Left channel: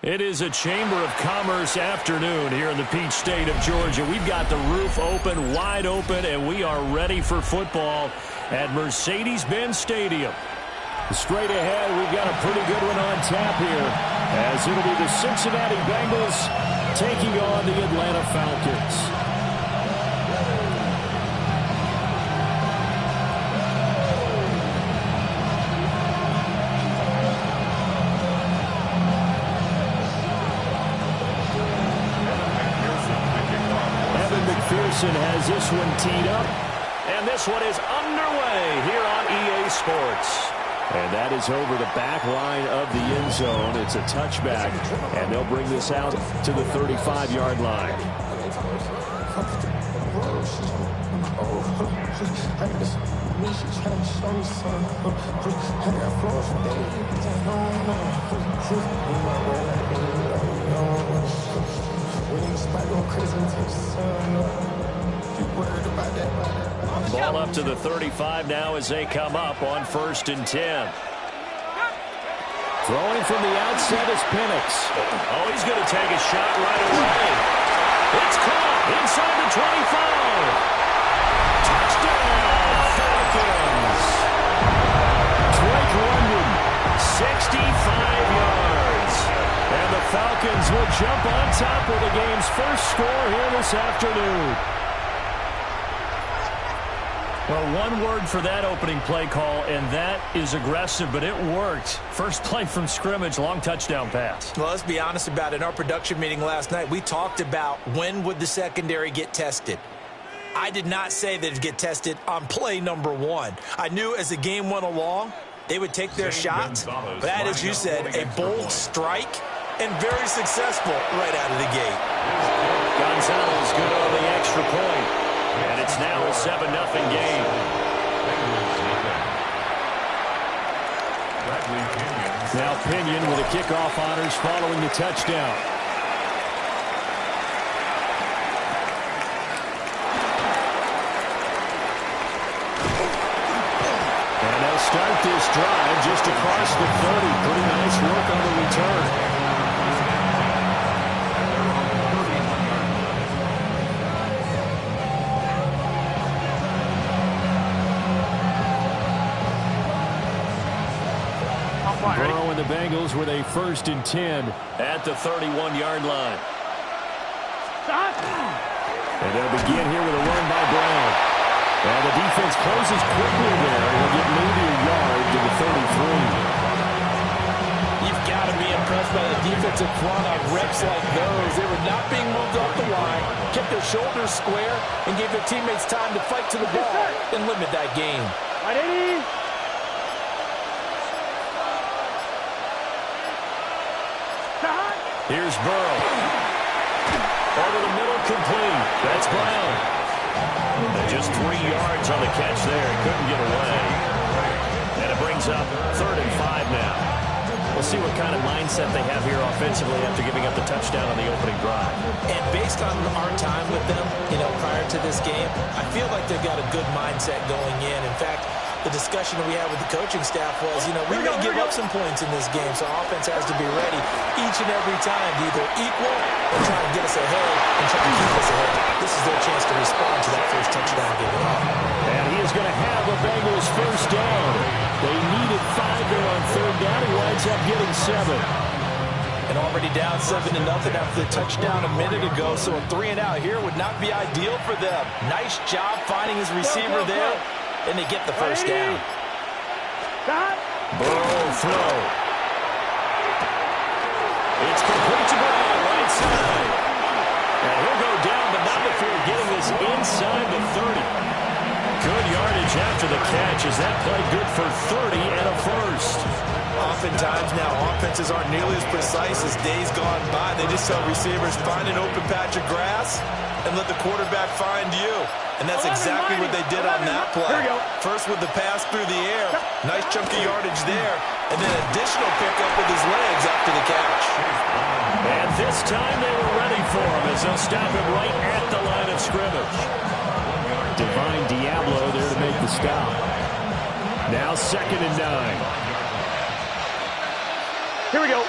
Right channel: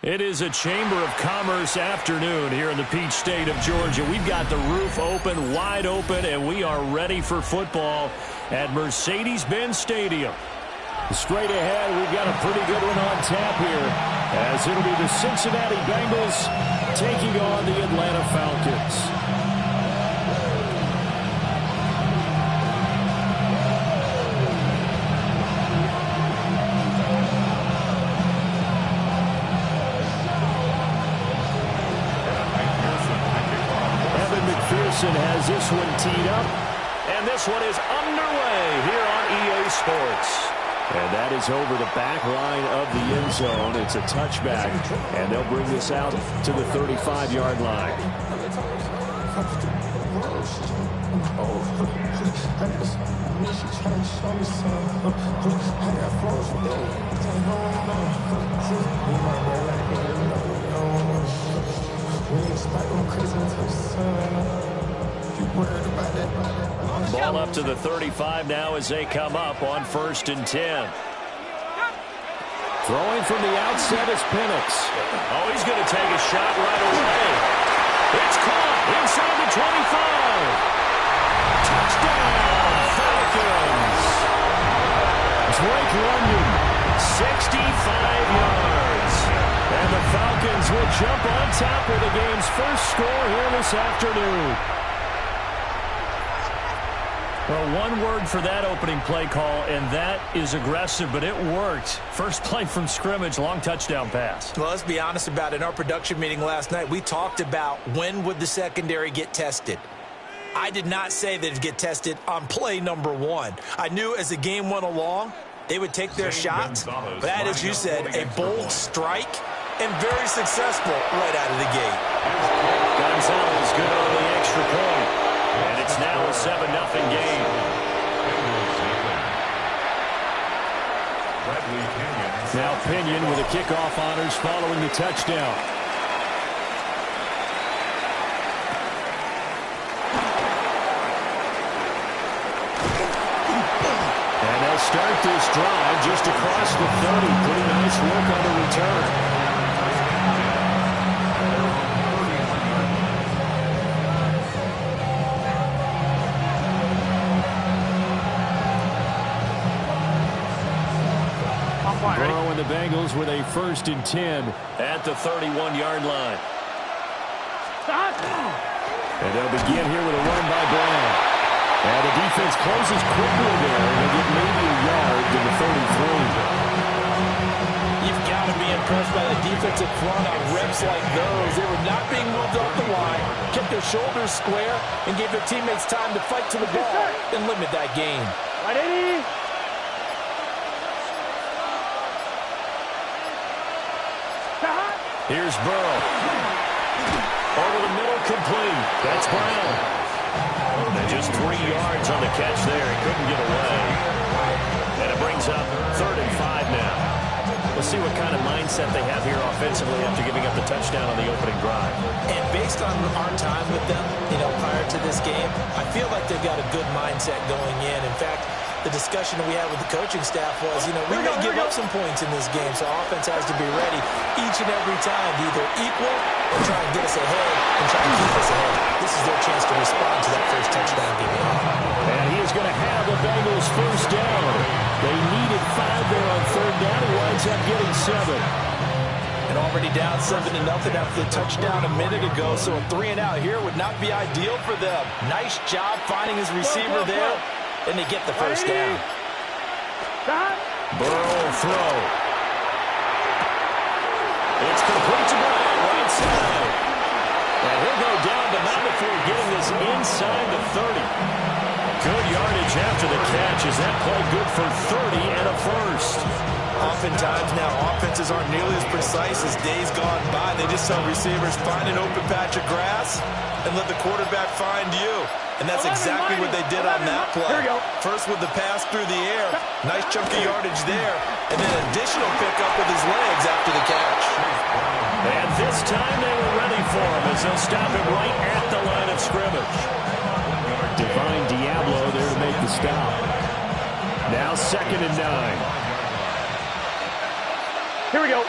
It is a Chamber of Commerce afternoon here in the Peach State of Georgia. We've got the roof open, wide open, and we are ready for football at Mercedes-Benz Stadium. Straight ahead, we've got a pretty good one on tap here, as it'll be the Cincinnati Bengals taking on the Atlanta Falcons. Has this one teed up, and this one is underway here on EA Sports. And that is over the back line of the end zone. It's a touchback, and they'll bring this out to the 35-yard line. Ball up to the 35 now as they come up on 1st and 10. Throwing from the outset is Penix. Oh, he's going to take a shot right away. It's caught inside the 25. Touchdown, Falcons. Drake London, 65 yards. And the Falcons will jump on top with the game's first score here this afternoon. Well, one word for that opening play call, and that is aggressive, but it worked. First play from scrimmage, long touchdown pass. Well, let's be honest about it. In our production meeting last night, we talked about when would the secondary get tested. I did not say that it'd get tested on play number 1. I knew as the game went along, they would take their shots. But that, as you said, a bold strike and very successful right out of the gate. Gonzalez good on the extra point. And it's now a 7-0 game. Now Pinion with the kickoff honors following the touchdown. And they'll start this drive just across the 30. Pretty nice work on the return. Burrow and the Bengals with a 1st and 10 at the 31-yard line. And they'll begin here with a run by Brown. And the defense closes quickly there. He'll get maybe a yard to the 33. You've got to be impressed by the defensive front on reps like those. They were not being moved off the line, kept their shoulders square, and gave their teammates time to fight to the ball and limit that gain. Right, Eddie. Here's Burrow. Over the middle, complete. That's Brown. And just 3 yards on the catch there. He couldn't get away. And it brings up 3rd and 5 now. We'll see what kind of mindset they have here offensively after giving up the touchdown on the opening drive. And based on our time with them, prior to this game, I feel like they've got a good mindset going in. In fact, the discussion that we had with the coaching staff was, we may give up some points in this game, so offense has to be ready each and every time to either equal or try and get us ahead and try to keep us ahead. This is their chance to respond to that first touchdown given up. And he is going to have the Bengals first down. They needed 5 there on 3rd down. He winds up getting 7. And already down 7-0 after the touchdown a minute ago, so a 3-and-out here would not be ideal for them. Nice job finding his receiver there. And they get the first down. Burrow throw. It's complete to Brown, right side. And he'll go down, but not before getting this inside the 30. Good yardage after the catch. Is that play good for 30 and a first? Oftentimes now, offenses aren't nearly as precise as days gone by. They just tell receivers, find an open patch of grass and let the quarterback find you. And that's exactly what they did on that play. First with the pass through the air. Nice chunky yardage there. And then additional pickup with his legs after the catch. And this time they were ready for him as they'll stop him right at the line of scrimmage. Divine Diablo there to make the stop. Now 2nd and 9. Here we go.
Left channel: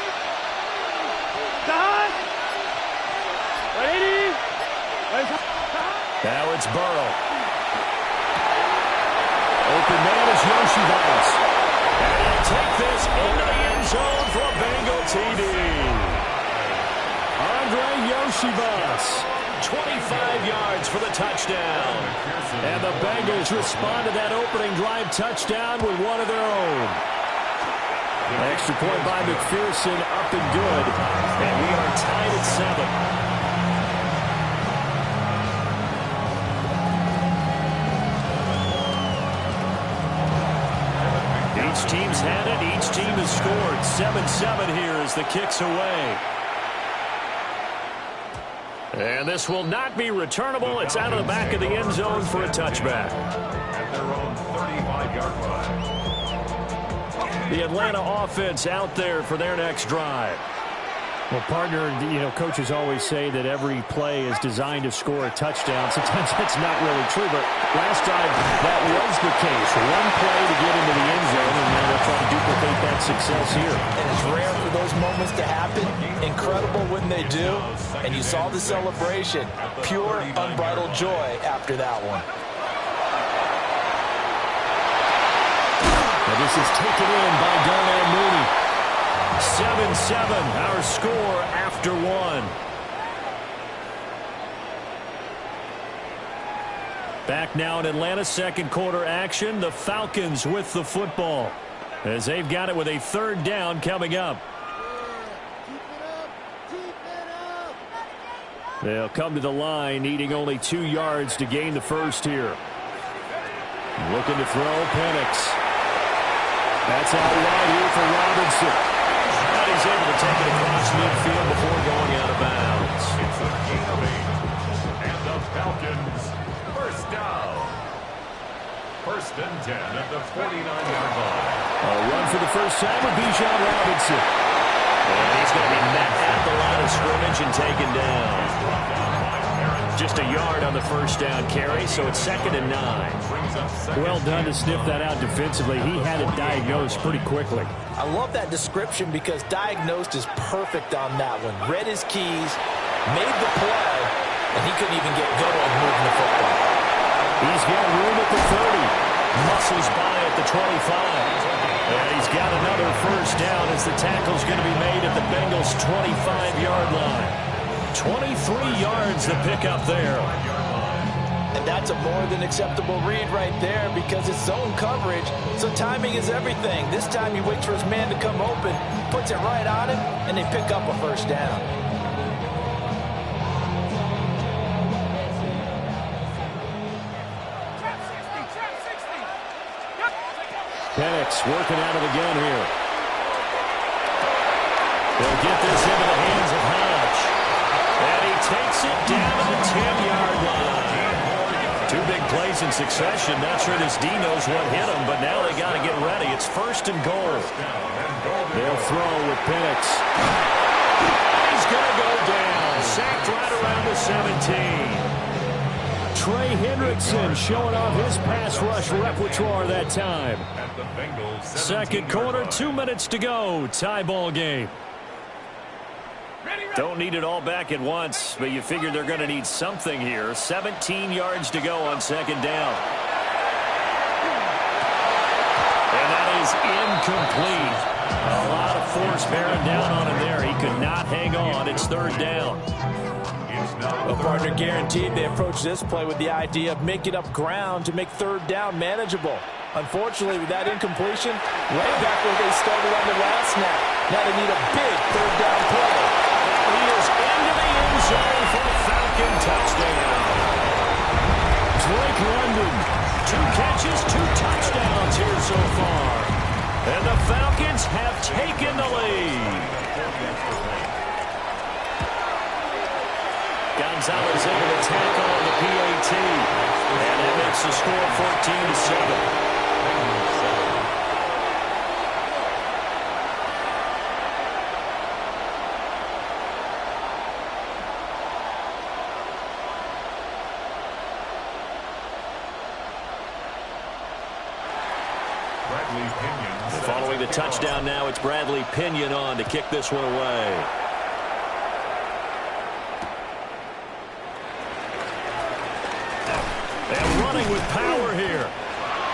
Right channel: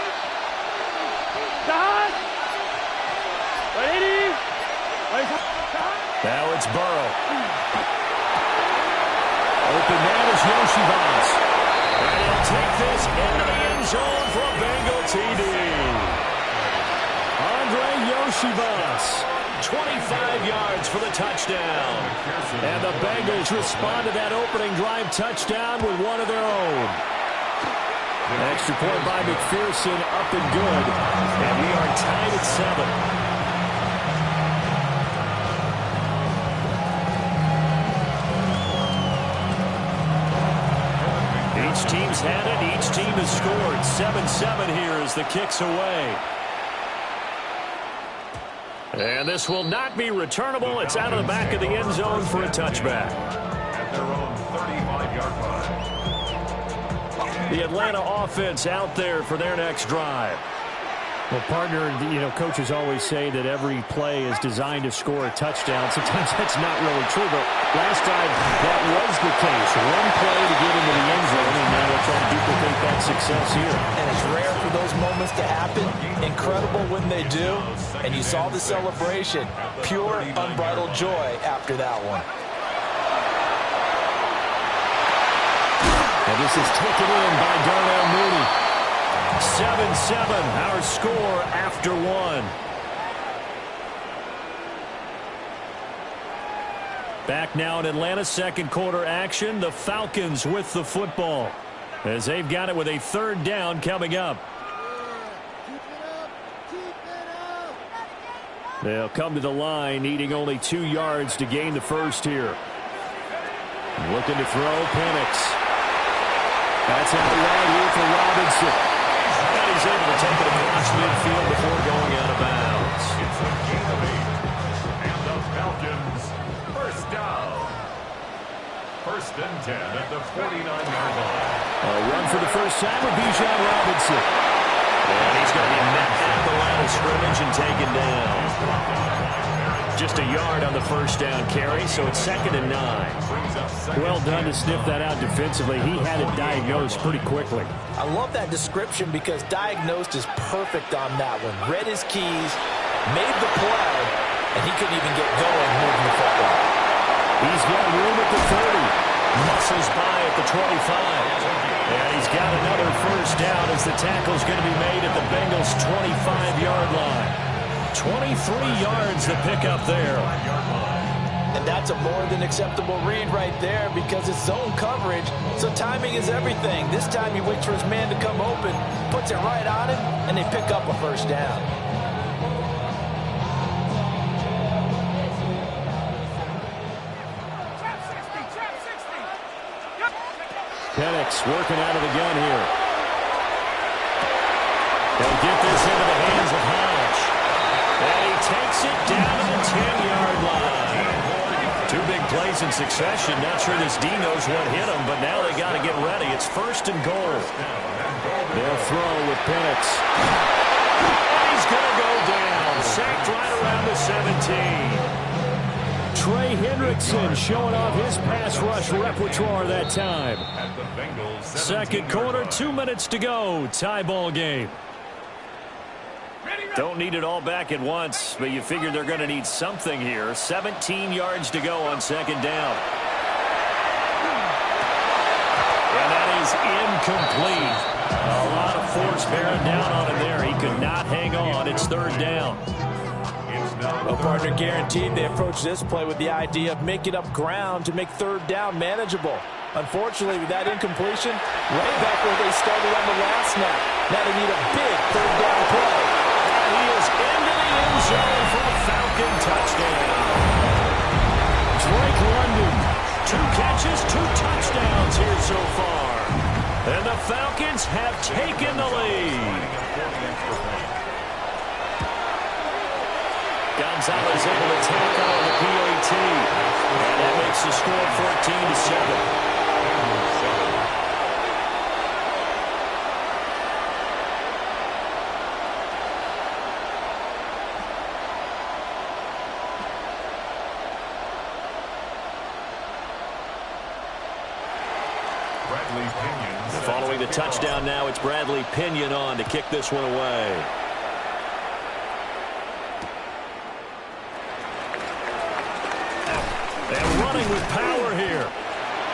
Now it's Burrow. Open man is Yoshivas. And he'll take this into the end zone for a Bengal TD. Andre Yoshivas, 25 yards for the touchdown. And the Bengals respond to that opening drive touchdown with one of their own. Extra point by McPherson, up and good. And we are tied at 7. Each team's had it. Each team has scored. 7-7 here as the kick's away. And this will not be returnable. It's out of the back of the end zone for a touchback. At their own 35-yard line. The Atlanta offense out there for their next drive. Well, partner, coaches always say that every play is designed to score a touchdown. Sometimes that's not really true, but last drive, that was the case. One play to get into the end zone, and now they'll try to duplicate that success here. And it's rare for those moments to happen. Incredible when they do. And you saw the celebration. Pure, unbridled joy after that one. And this is taken in by Darnell Mooney. 7-7, our score after 1. Back now in Atlanta, second quarter action. The Falcons with the football as they've got it with a third down coming up. They'll come to the line needing only 2 yards to gain the first here. Looking to throw, Penix. That's out wide here for Robinson. And he's able to take it across midfield before going out of bounds. It's a gain of 8. And the Falcons, first down. 1st and 10 at the 49-yard line. A run for the first time with Bijan Robinson. And he's going to be met at the line of scrimmage and taken down. Just a yard on the first down carry, so it's 2nd and 9. Well done to sniff that out defensively. He had it diagnosed pretty quickly. I love that description because diagnosed is perfect on that one. Read his keys, made the play, and he couldn't even get going moving the football. He's got room at the 30. Muscles by at the 25. And he's got another first down as the tackle's going to be made at the Bengals' 25-yard line. 23 yards the pickup there. And that's a more than acceptable read right there because it's zone coverage, so timing is everything. This time he waits for his man to come open, puts it right on him, and they pick up a first down. Penix working out of the gun here. He'll get this into the hands of Hodge. And he takes it down to the 10-yard line. 2 big plays in succession. Not sure this D knows what hit him, but now they got to get ready. It's 1st and goal. They'll throw with Penix. And he's going to go down. Sacked right around the 17. Trey Hendrickson showing off his pass rush repertoire that time. Second quarter, 2 minutes to go. Tie ball game. Don't need it all back at once, but you figure they're going to need something here. 17 yards to go on 2nd down. And that is incomplete. A lot of force bearing down on him there. He could not hang on. It's 3rd down. Well, partner, guaranteed they approach this play with the idea of making up ground to make 3rd down manageable. Unfortunately, with that incompletion, right back where they started on the last snap. Now they need a big 3rd down play. And he is into the end zone for a Falcon touchdown. Drake London, 2 catches, 2 touchdowns here so far. And the Falcons have taken the lead. Gonzalez able to tack on the PAT. And that makes the score 14-7. Following the touchdown now, it's Bradley Pinion on to kick this one away. with power here.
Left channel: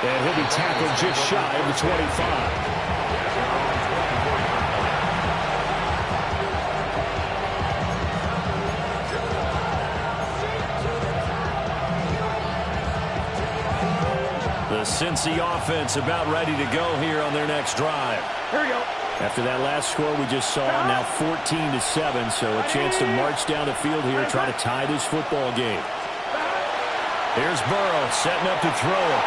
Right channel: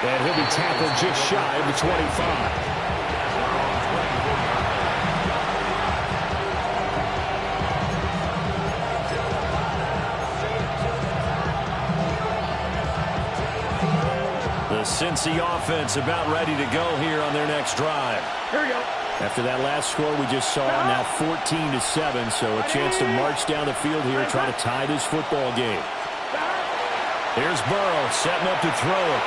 And he'll be tackled just shy of the 25. The Cincy offense about ready to go here on their next drive. Here we go. After that last score we just saw, now 14-7, so a chance to march down the field here, trying to tie this football game. Here's Burrow setting up to throw it.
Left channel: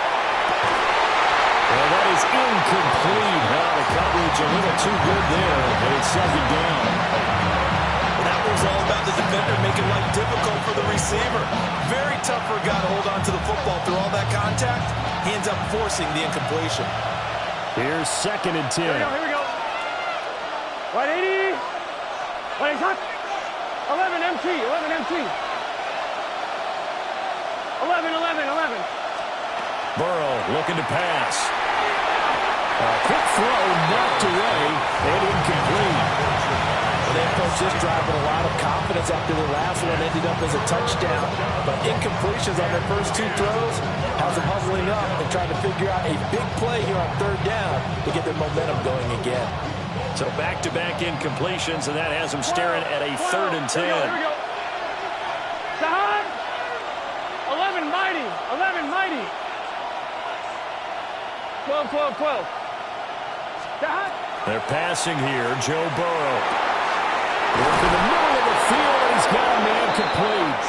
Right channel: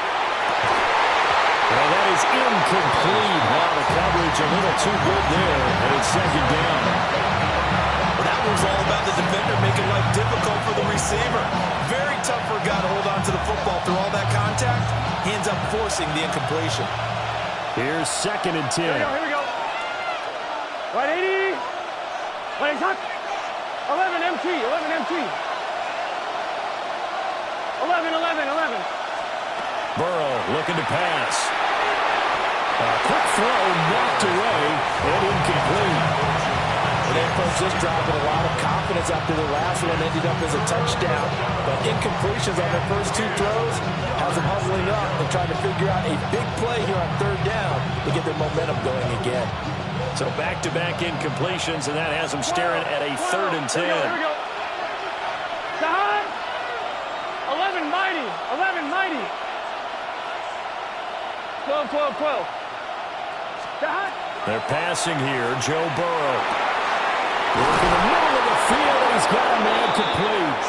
And that is incomplete. Well, the coverage a little too good there, and it's second down. Well, that was all about the defender making life difficult for the receiver. Very tough for a guy to hold on to the football through all that contact. He ends up forcing the incompletion. Here's 2nd and 10. Here we go. 180. 180. 11 MT. 11 MT. 11. Burrow looking to pass. A quick throw knocked away and incomplete. Well, they approached this drive with a lot of confidence after the last one ended up as a touchdown. But incompletions on their first 2 throws has them huddling up and trying to figure out a big play here on 3rd down to get their momentum going again. So back-to-back incompletions, and that has them staring at a 3rd and 10. Here we go. Sahad. 11 mighty. 11 mighty. 12. Sahad. They're passing here. Joe Burrow. Working the middle of the field, and he's got a man complete.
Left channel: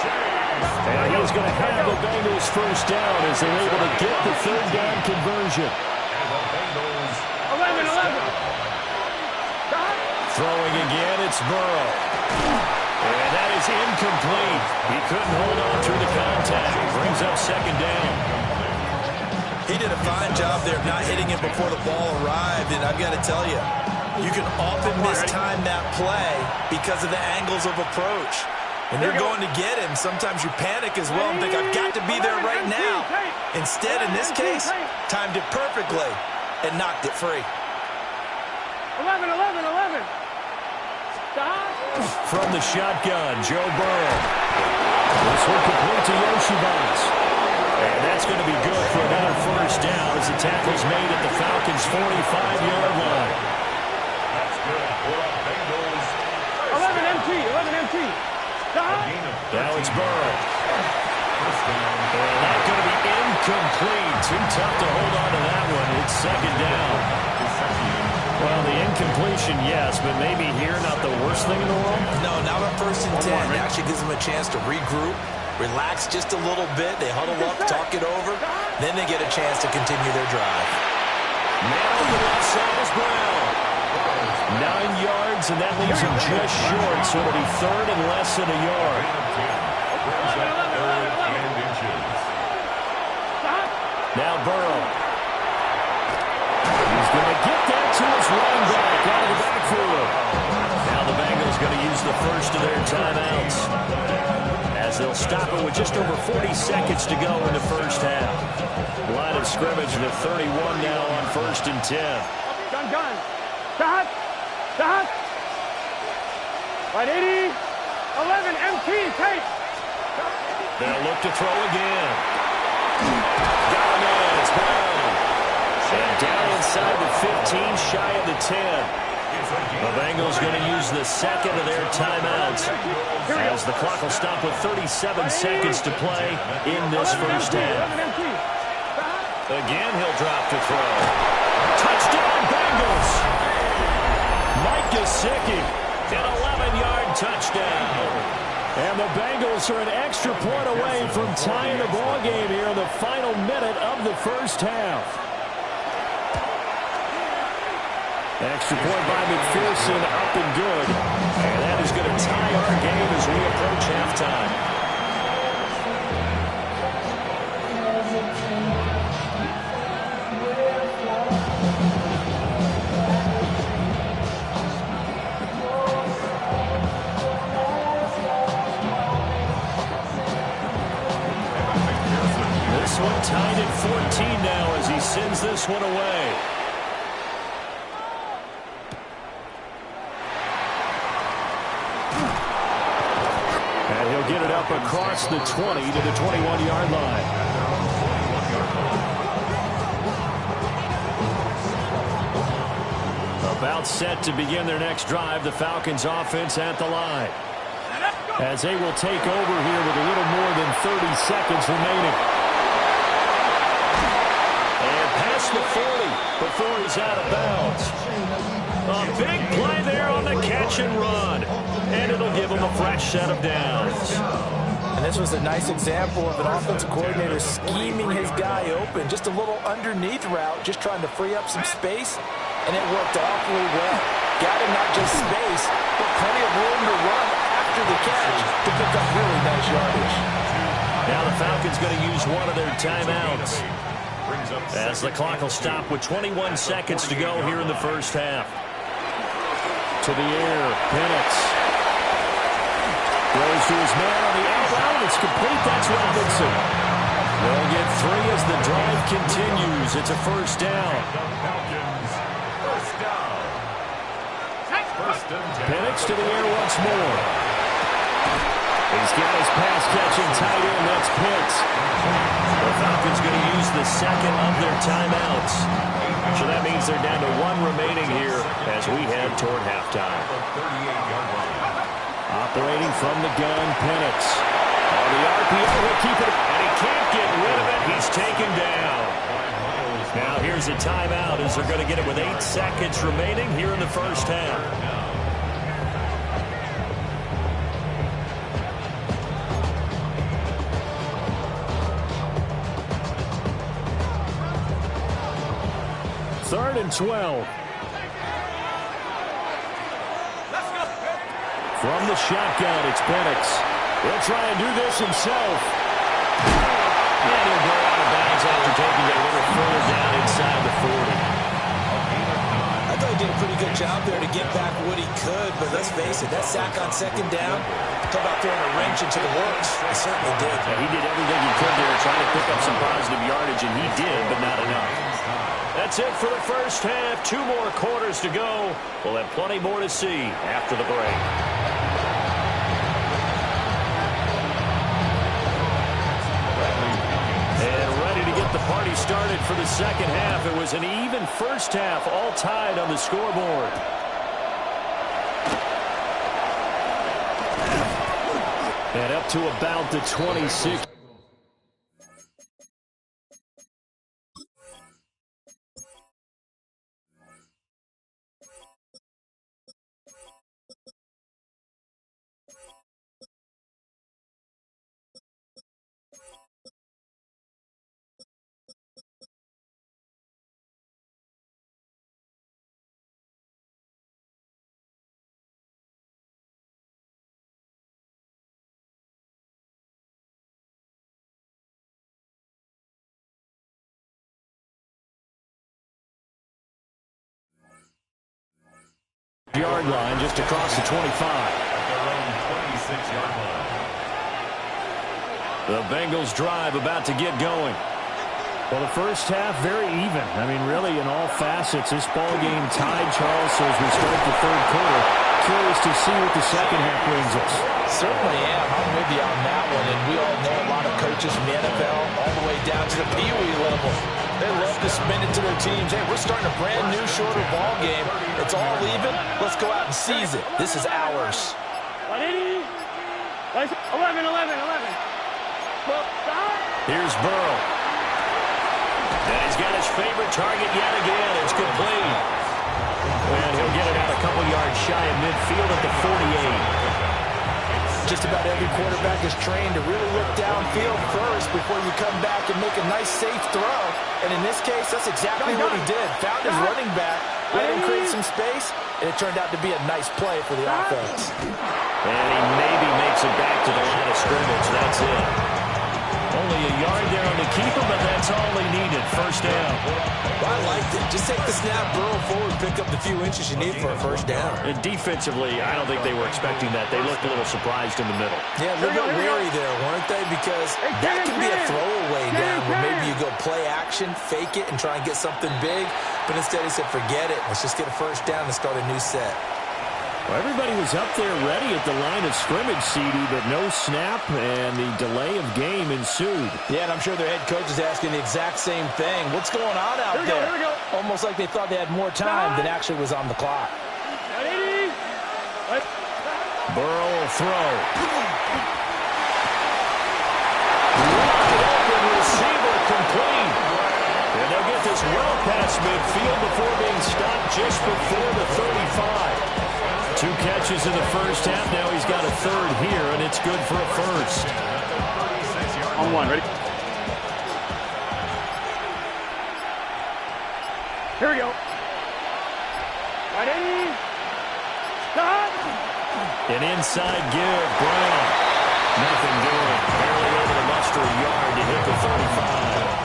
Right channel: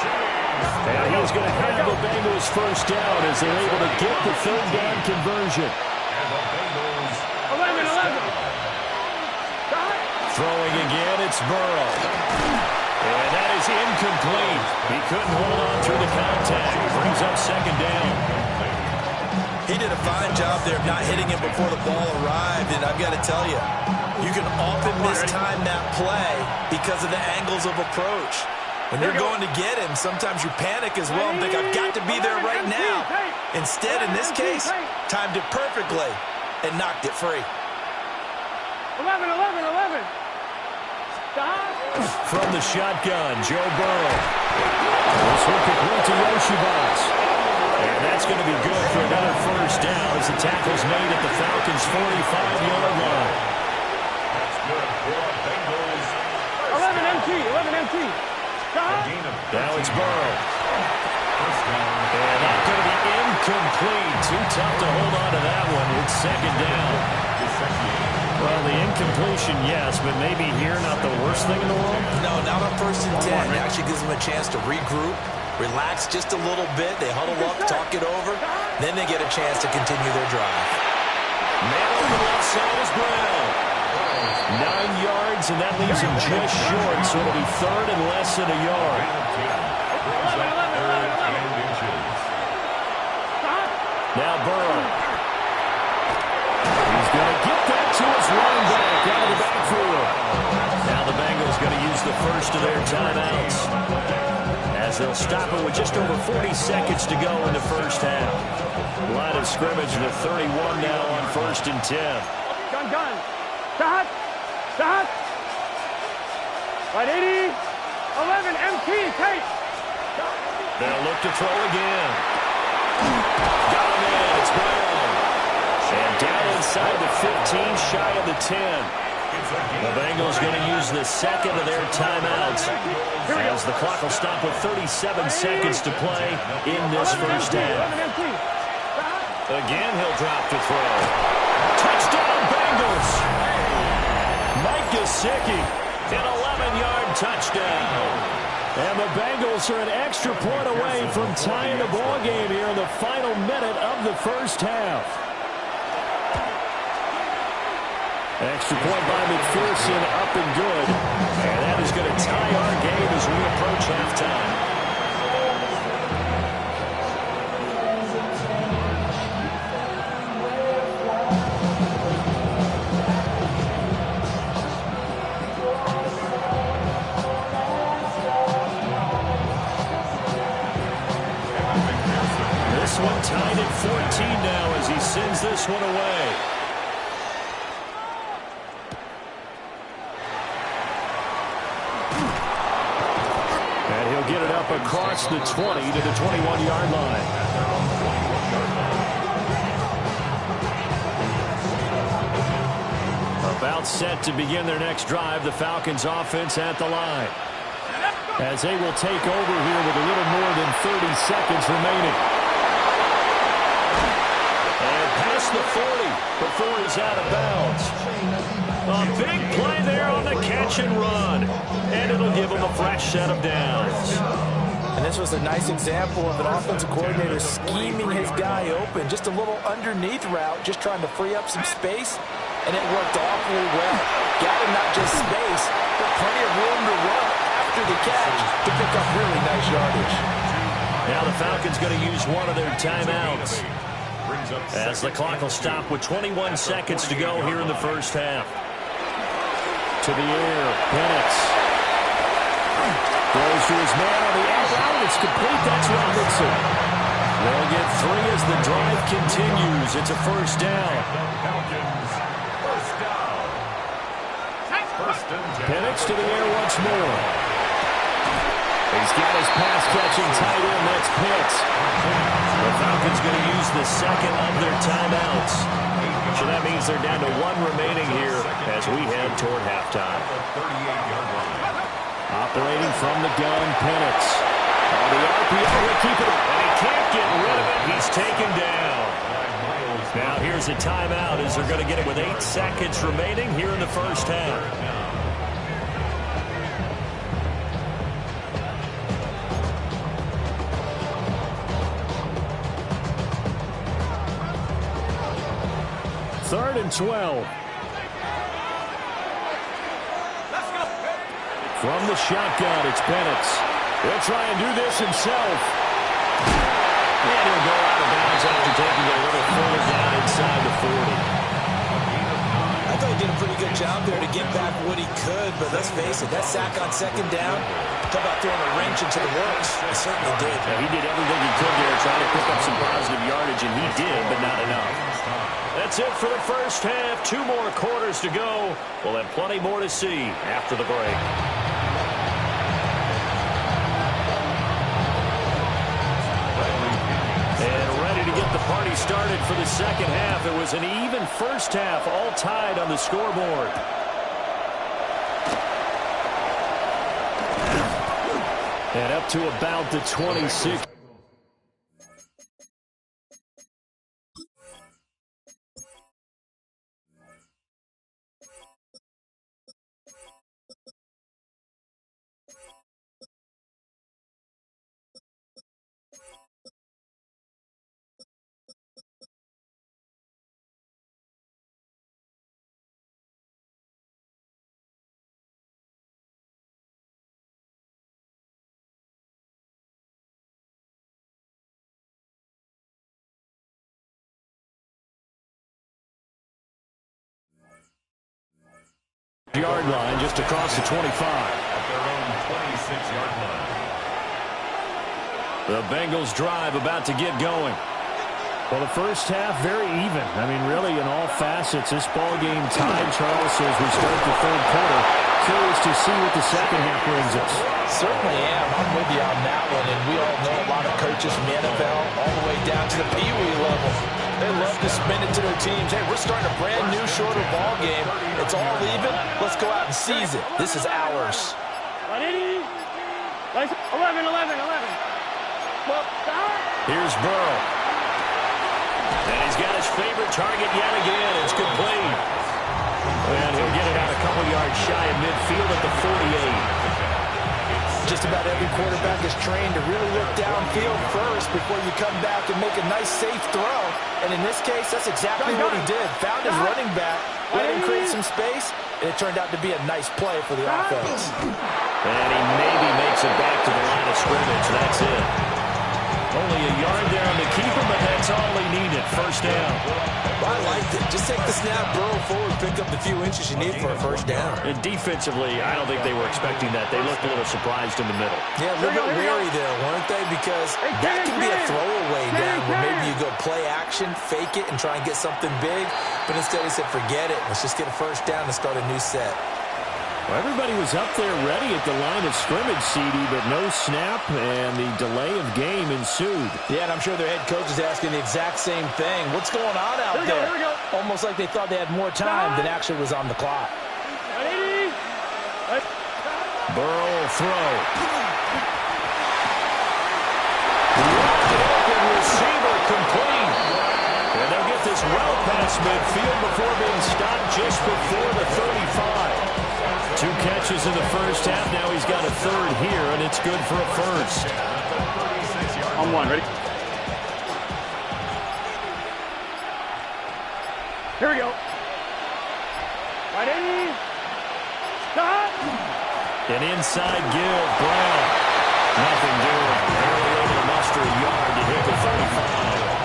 And he's going to have the Bengals first down as they're able to get the 3rd down conversion. 11. Throwing again, it's Burrow. And that is incomplete. He couldn't hold on through the contact. Brings up 2nd down. He did a fine job there of not hitting him before the ball arrived, and I've got to tell you, you can often mistime that play because of the angles of approach. When you're going to get him, sometimes you panic as well and think, I've got to be there right now. Instead, in this case, timed it perfectly and knocked it free. 11. From the shotgun, Joe Burrow. This one complete to Yoshibas. And that's going to be good for another first down as the tackle's made at the Falcons' 45-yard line. That's good for a Bengals. 11 MT. Now it's Burrow. First down. And that's going to be incomplete. Too tough to hold on to that one. It's 2nd down. Well, the incompletion, yes, but maybe here not the worst thing in the world? No, not on 1st and 10. It actually gives them a chance to regroup, relax just a little bit. They huddle up, talk it over. Then they get a chance to continue their drive. Man on the left side is Brown. 9 yards, and that leaves him just short, so it'll be 3rd and less than a yard. 11 inches. Now Burrow. He's going to get that to his running back out of the backfield. Now the Bengals going to use the first of their timeouts as they'll stop it with just over 40 seconds to go in the first half. Line of scrimmage to 31 now on 1st and 10. Gun. Sahad. 180. 11 MT. Take. They'll look to throw again. Got him in. It's Brown. And down inside the 15, shy of the 10. The Bengals going to use the 2nd of their timeouts as the clock will stop with 37 seconds to play in this first half. Again, he'll drop to throw. Touchdown, Bengals! Mike Gesicki, an 11-yard touchdown. And the Bengals are an extra point away from tying the ball game here in the final minute of the first half. Extra point by McPherson, up and good. And that is going to tie our game as we approach halftime. This one tied at 14 now as he sends this one away. And he'll get it up across the 20 to the 21-yard line. About set to begin their next drive, the Falcons offense at the line. As they will take over here with a little more than 30 seconds remaining. And past the 40 before he's out of bounds. A big play there on the catch and run. And it'll give him a fresh set of downs. And this was a nice example of an offensive coordinator scheming his guy open. Just a little underneath route, just trying to free up some space. And it worked awfully well. Got him not just space, but plenty of room to run after the catch to pick up really nice yardage. Now the Falcons going to use one of their timeouts. As the clock will stop with 21 seconds to go here in the first half. To the air, Penix. Goes to his man on the out route. It's complete. That's Robinson. They'll get 3 as the drive continues. It's a first down. Penix to the air once more. He's got his pass-catching tight end. That's Pitts. The Falcons going to use the second of their timeouts. So that means they're down to 1 remaining here as we head toward halftime. Operating from the gun, Penix. On the RPO, he'll keep it. And he can't get rid of it. He's taken down. Now here's a timeout as they're going to get it with 8 seconds remaining here in the first half. Third and 12. From the shotgun, it's Penix. He'll try and do this himself. And he'll go out of bounds after taking it a little further down inside the 40. I thought he did a pretty good job there to get back what he could, but let's face it, that sack on second down, talk about throwing a wrench into the works. He certainly did. Yeah, he did everything he could there, trying to pick up some positive yardage, and he did, but not enough. That's it for the first half. 2 more quarters to go. We'll have plenty more to see after the break. And ready to get the party started for the second half. It was an even first half, all tied on the scoreboard. And up to about the 26. Yard line just across the 25. At their own 26-yard line. The Bengals drive about to get going. Well, the first half very even. I mean, really in all facets. This ball game tied, Charles, so as we start the third quarter. Curious to see what the second half brings us. Certainly am. I'm with you on that one. And we all know a lot of coaches from the NFL all the way down to the Pee Wee level. They love to spin it to their teams. Hey, we're starting a brand new, shorter ball game. It's all even. Let's go out and seize it. This is ours. 180. 11. Well, here's Burrow. And he's got his favorite target yet again. It's complete. And he'll get it out a couple yards shy of midfield at the 48. Just about every quarterback is trained to really look downfield first before you come back and make a nice, safe throw. And in this case, that's exactly what he did. Found his running back, let him create some space, and it turned out to be a nice play for the offense. And he maybe makes it back to the line of scrimmage. That's it. Only a yard there on the keeper, but that's all he needed. First down. Well, I liked it. Just take the snap, burrow forward, pick up the few inches you need for a first down. And defensively, I don't think they were expecting that. They looked a little surprised in the middle. Yeah, a little bit wary there, weren't they? Because that can be a throwaway down where maybe you go play action, fake it, and try and get something big. But instead he said, forget it. Let's just get a first down and start a new set. Well, everybody was up there ready at the line of scrimmage, CD, but no snap, and the delay of game ensued. Yeah, and I'm sure their head coach is asking the exact same thing. What's going on out there? Here we go. Almost like they thought they had more time than actually was on the clock. Burrow will throw. Wide open receiver complete. And they'll get this well past midfield before being stopped just before the 35. 2 catches in the first half. Now he's got a third here, and it's good for a first. On one, ready? Here we go. Right in. Stop. An inside give, Brown. Nothing doing. Barely able to muster a yard to hit the 35.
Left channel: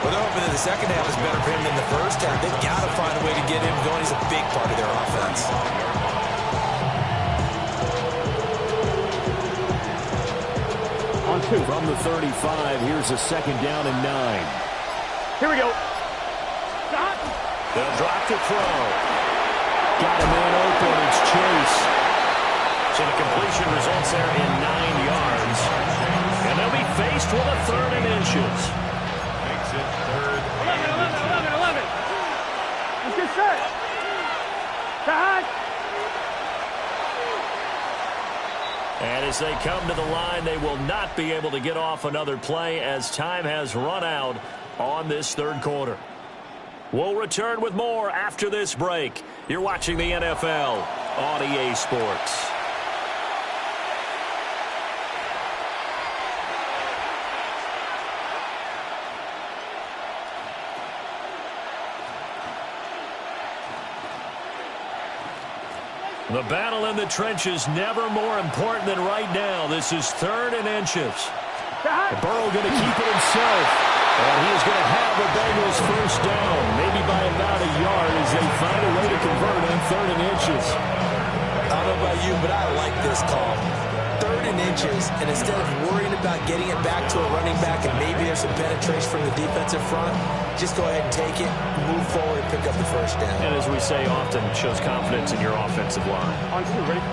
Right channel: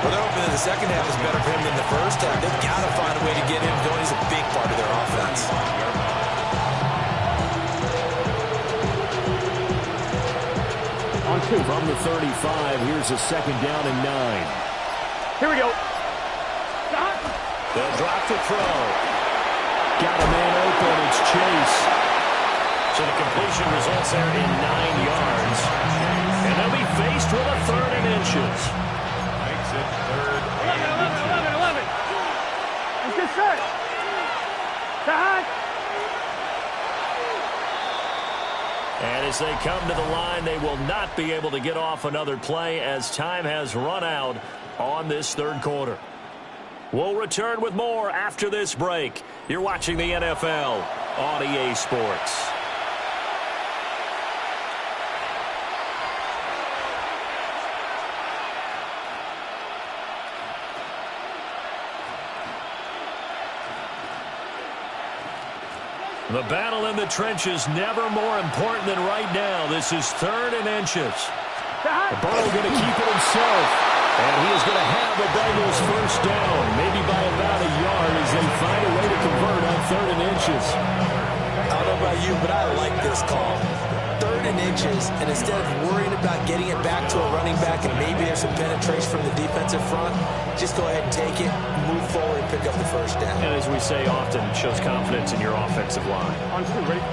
Well, they're hoping that the second half is better for him than the first half. They've got to find a way to get him going. He's a big part of their offense. On 2. From the 35, here's a second down and 9. Here we go. Stop. They'll drop the throw. Got a man open. It's Chase. So the completion results there in 9 yards. And they'll be faced with a 3rd and inches. Makes it 3rd 11. Let's get set. Stop. And as they come to the line, they will not be able to get off another play as time has run out on this 3rd quarter. We'll return with more after this break. You're watching the NFL on EA Sports. The battle in the trenches never more important than right now. This is 3rd and inches. Burrow going to keep it himself. And he is going to have the Bengals first down, maybe by about a yard as they find a way to convert on 3rd and inches. I don't know about you, but I like this call. 3rd and inches, and instead of worrying about getting it back to a running back and maybe there's some penetration from the defensive front, just go ahead and take it, move forward, and pick up the first down. And as we say often, it shows confidence in your offensive line. On 2, ready?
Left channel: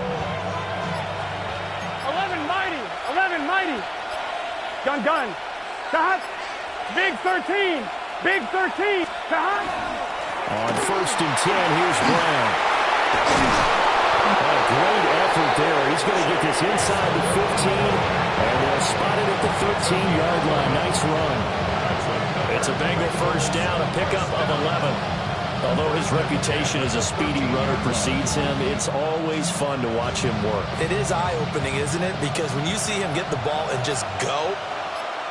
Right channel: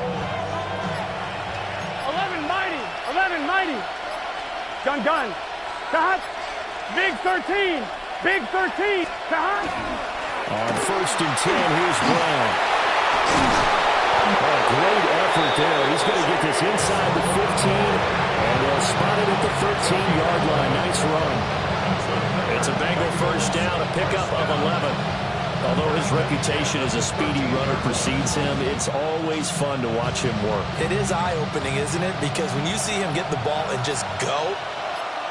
11 mighty. 11 mighty. Gun. Stop. Big 13. Big 13. Stop. On 1st and 10, here's Brown. What a great effort there. He's going to get this inside the 15, and they'll spot it at the 13-yard line. Nice run. It's a Bengal first down, a pickup of 11. Although his reputation as a speedy runner precedes him, it's always fun to watch him work. It is eye-opening, isn't it? Because when you see him get the ball and just go,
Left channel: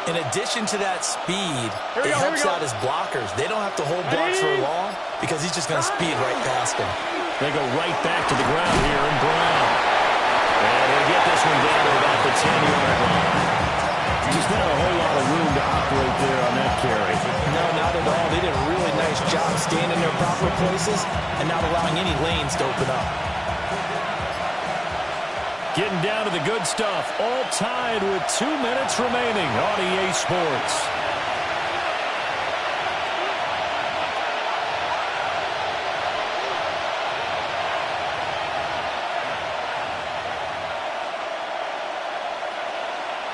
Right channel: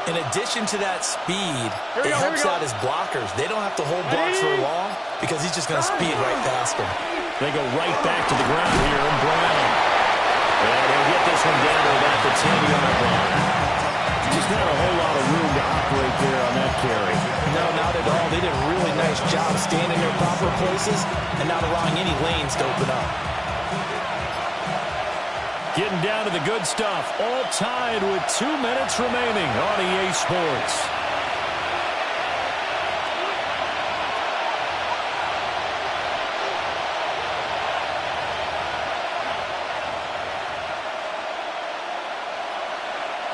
in addition to that speed, it helps out his blockers. They don't have to hold blocks for long because he's just going to speed right past them. They go right back to the ground here, and Brown. And he'll get this one down to about the 10-yard line. Just not a whole lot of room to operate there on that carry. No, not at all. They did a really nice job staying in their proper places and not allowing any lanes to open up. Getting down to the good stuff. All tied with 2 minutes remaining on EA Sports.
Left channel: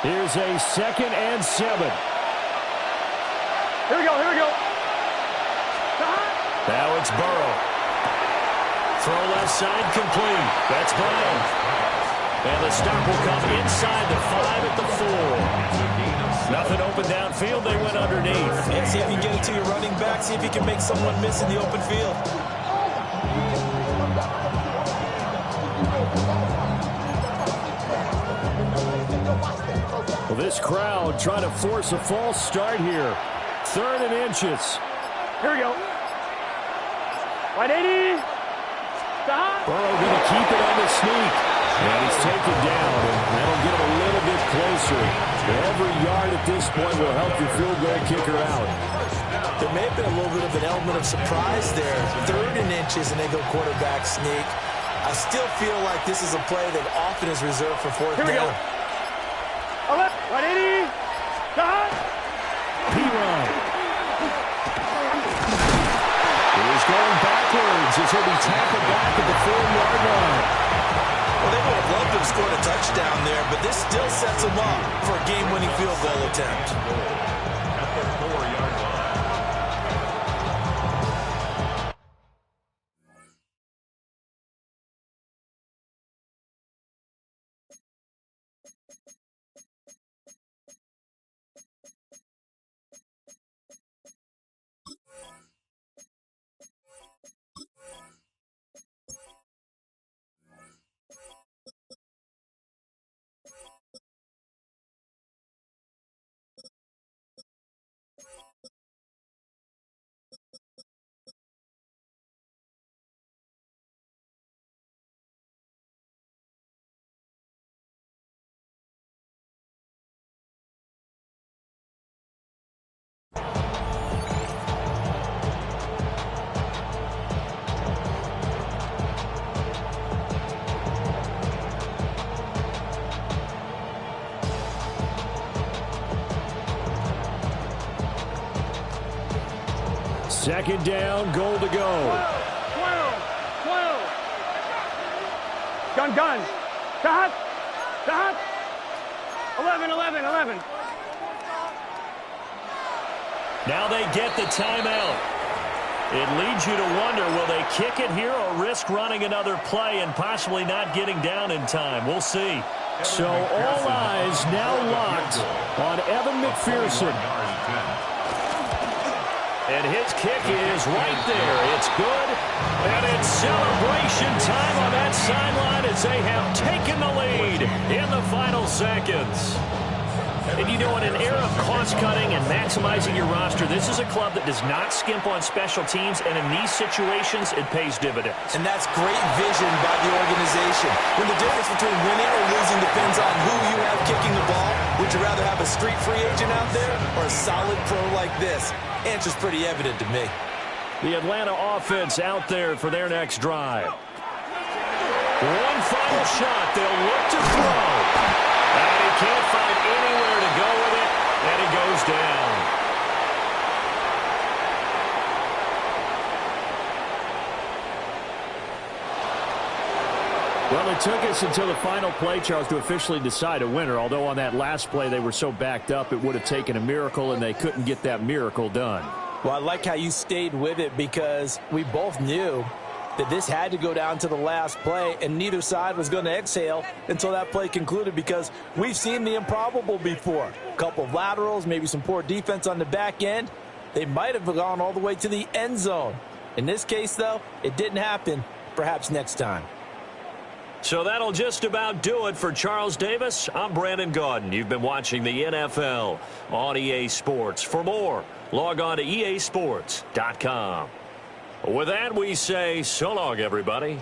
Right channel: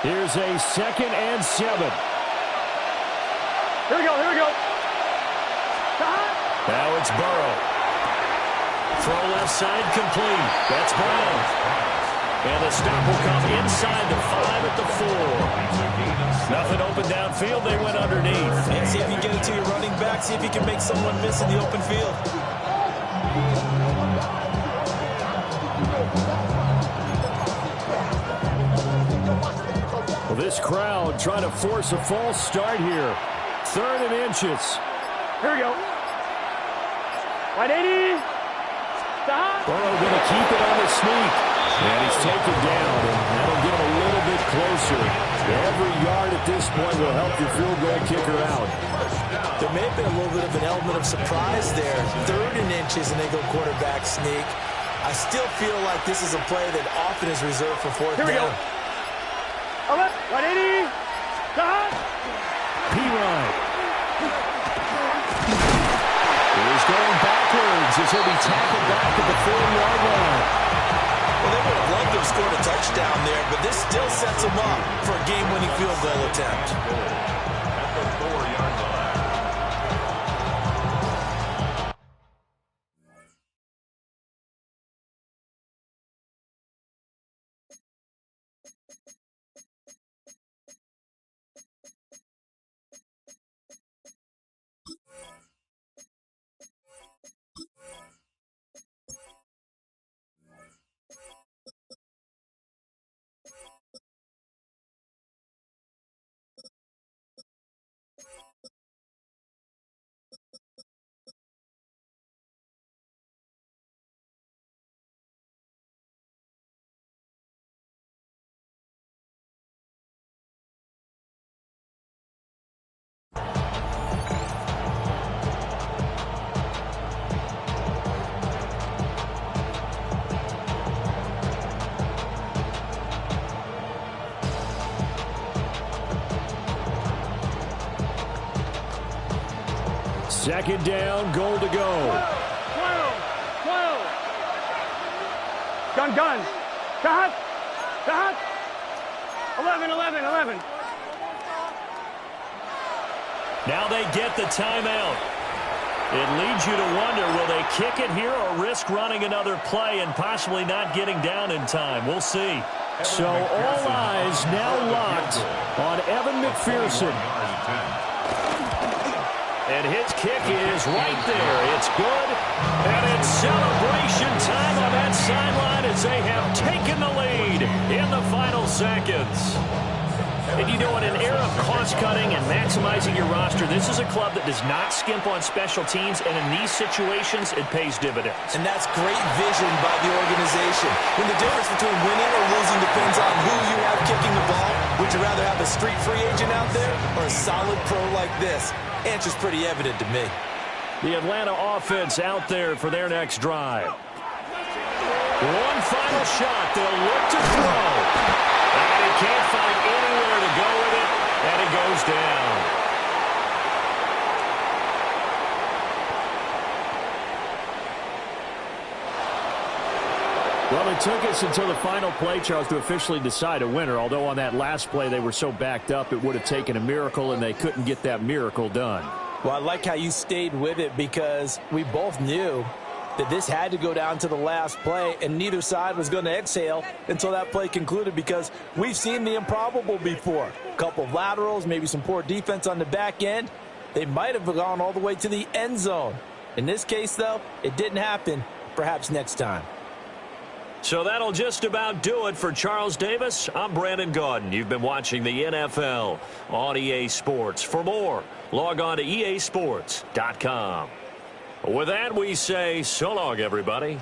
Here's a 2nd and 7. Here we go. Now it's Burrow. Throw left side complete. That's Brown. And the stop will come inside the 5 at the 4. Nothing open downfield. They went underneath. And see if you can get it to your running back. See if you can make someone miss in the open field. Well, this crowd trying to force a false start here. 3rd and inches. Here we go. Right 80. Stop. Burrow going to keep it on the sneak. And he's taken down, and that'll get him a little bit closer. Every yard at this point will help your field goal kicker out. There may have been a little bit of an element of surprise there. 3rd and inches, and they go quarterback sneak. I still feel like this is a play that often is reserved for 4th down. Here we go. 180. Stop. P. Ryan is going back backwards as he'll be tackled back at the 4-yard line. Well, they would have loved to have scored a touchdown there, but this still sets them up for a game-winning field goal attempt. At the 4-yard line. Second down, goal to go. 12. Gun. Cut. 11. Now they get the timeout. It leads you to wonder, will they kick it here or risk running another play and possibly not getting down in time? We'll see. So all eyes now locked on Evan McPherson. And his kick is right there. It's good. And it's celebration time on that sideline as they have taken the lead in the final seconds. And you know, in an era of cost-cutting and maximizing your roster, this is a club that does not skimp on special teams, and in these situations, it pays dividends. And that's great vision by the organization. When the difference between winning or losing depends on who you have kicking the ball, would you rather have a street free agent out there or a solid pro like this? Answer's pretty evident to me. The Atlanta offense out there for their next drive. One final shot. They'll look to throw. And he can't find anywhere to go with it, and he goes down. Well, it took us until the final play, Charles, to officially decide a winner, although on that last play they were so backed up it would have taken a miracle, and they couldn't get that miracle done. Well, I like how you stayed with it because we both knew that this had to go down to the last play, and neither side was going to exhale until that play concluded because we've seen the improbable before. A couple of laterals, maybe some poor defense on the back end. They might have gone all the way to the end zone. In this case, though, it didn't happen. Perhaps next time. So that'll just about do it for Charles Davis. I'm Brandon Gaudin. You've been watching the NFL on EA Sports. For more, log on to easports.com. With that, we say so long, everybody.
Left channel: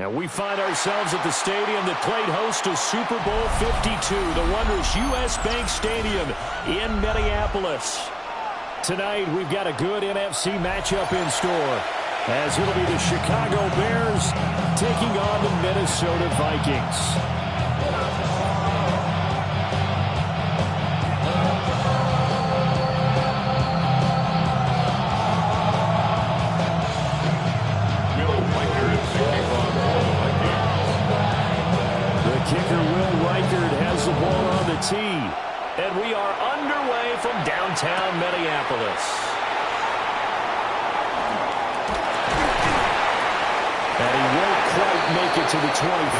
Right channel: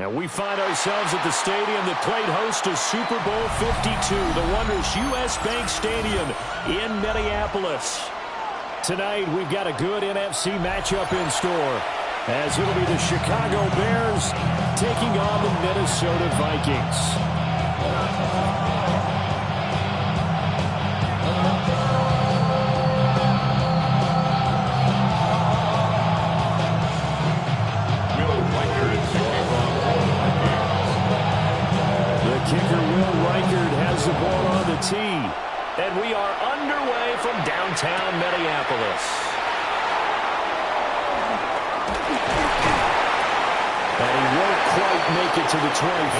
And we find ourselves at the stadium that played host to Super Bowl 52, the wondrous U.S. Bank Stadium in Minneapolis. Tonight, we've got a good NFC matchup in store, as it'll be the Chicago Bears taking on the Minnesota Vikings. Kicker Will Reichard has the ball on the tee. And we are underway from downtown Minneapolis. And he won't quite make it to the 25.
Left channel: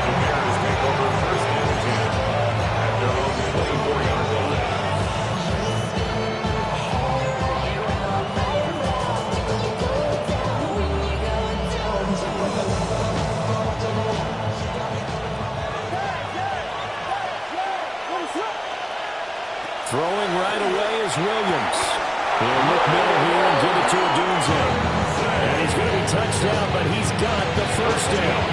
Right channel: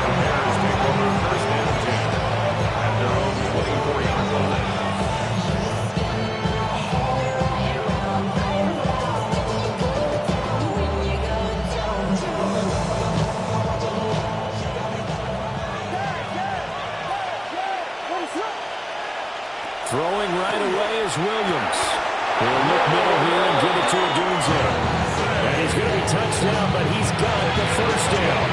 The Bears take over first and 10 at their own 24-yard line. Throwing right away is Williams. He'll look middle here and give it to Odunze. And he's going to be touched down, but he's got the first down.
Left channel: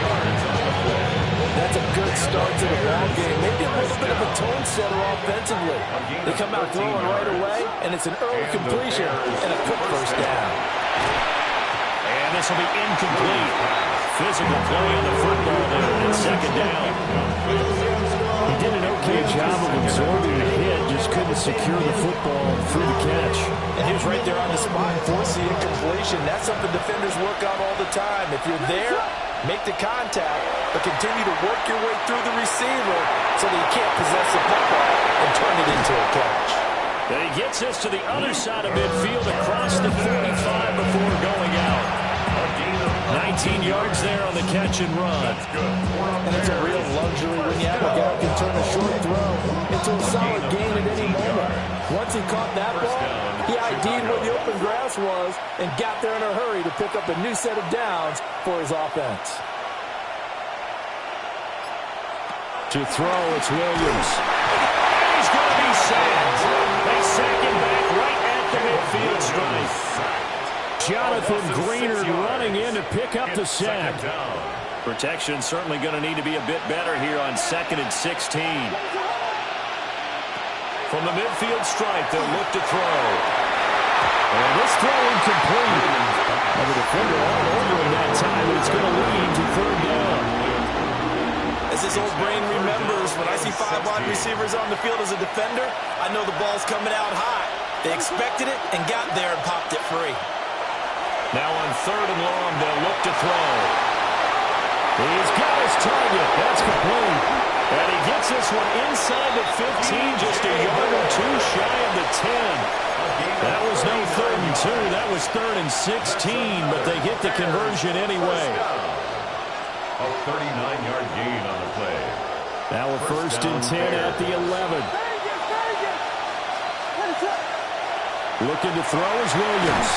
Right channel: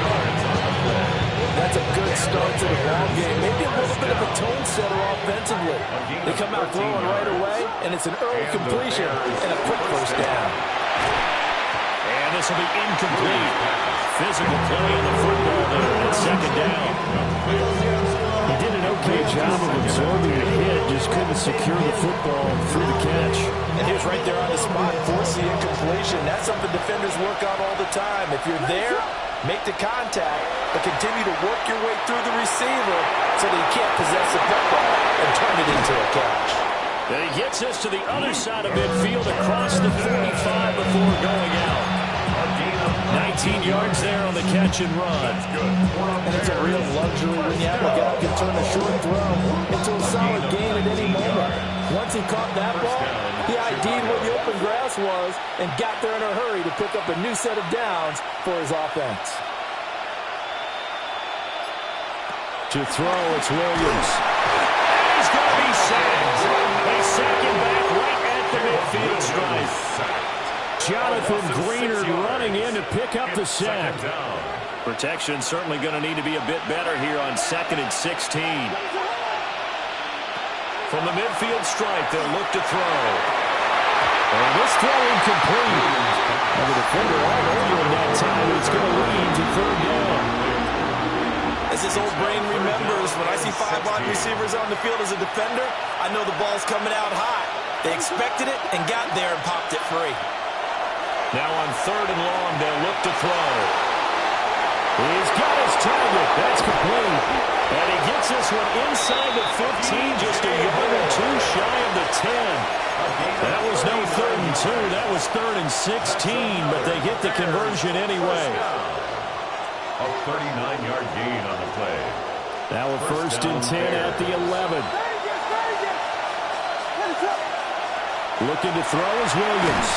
That's a good start to the ball game. Maybe a little bit of a tone setter offensively. They come out throwing right away, and it's an early completion and a quick first down. And this will be incomplete. Physical play on the football there at second down. He did an okay job of absorbing the hit, just couldn't secure the football through the catch. And he was right there on the spot, force the incompletion. That's something defenders work on all the time. If you're there, make the contact, but continue to work your way through the receiver so that he can't possess the football and turn it into a catch. And he gets us to the other side of midfield across the 45 before going out. 19 yards there on the catch and run. And it's a real luxury when you have a guy who can turn a short throw into a solid gain at any moment. Once he caught that ball, he ID'd where the open grass was and got there in a hurry to pick up a new set of downs for his offense. To throw, it's Williams. And he's going to be sacked. They sack him back right at the midfield stripe. Jonathan Greenard running in to pick up the sack. Protection certainly going to need to be a bit better here on 2nd and 16. From the midfield stripe, they'll look to throw. And this throw incomplete. And the defender all over him that time, and it's going to lead to 3rd down. As this old brain remembers, when I see 5 wide receivers on the field as a defender, I know the ball's coming out hot. They expected it and got there and popped it free. Now on 3rd and long, they'll look to throw. He's got his target. That's complete. And he gets this one inside the 15, just a yard or two shy of the 10. That was no 3rd and 2. That was 3rd and 16, but they get the conversion anyway. A 39-yard gain on the play. Now a 1st and 10 at the 11. Looking to throw is Williams.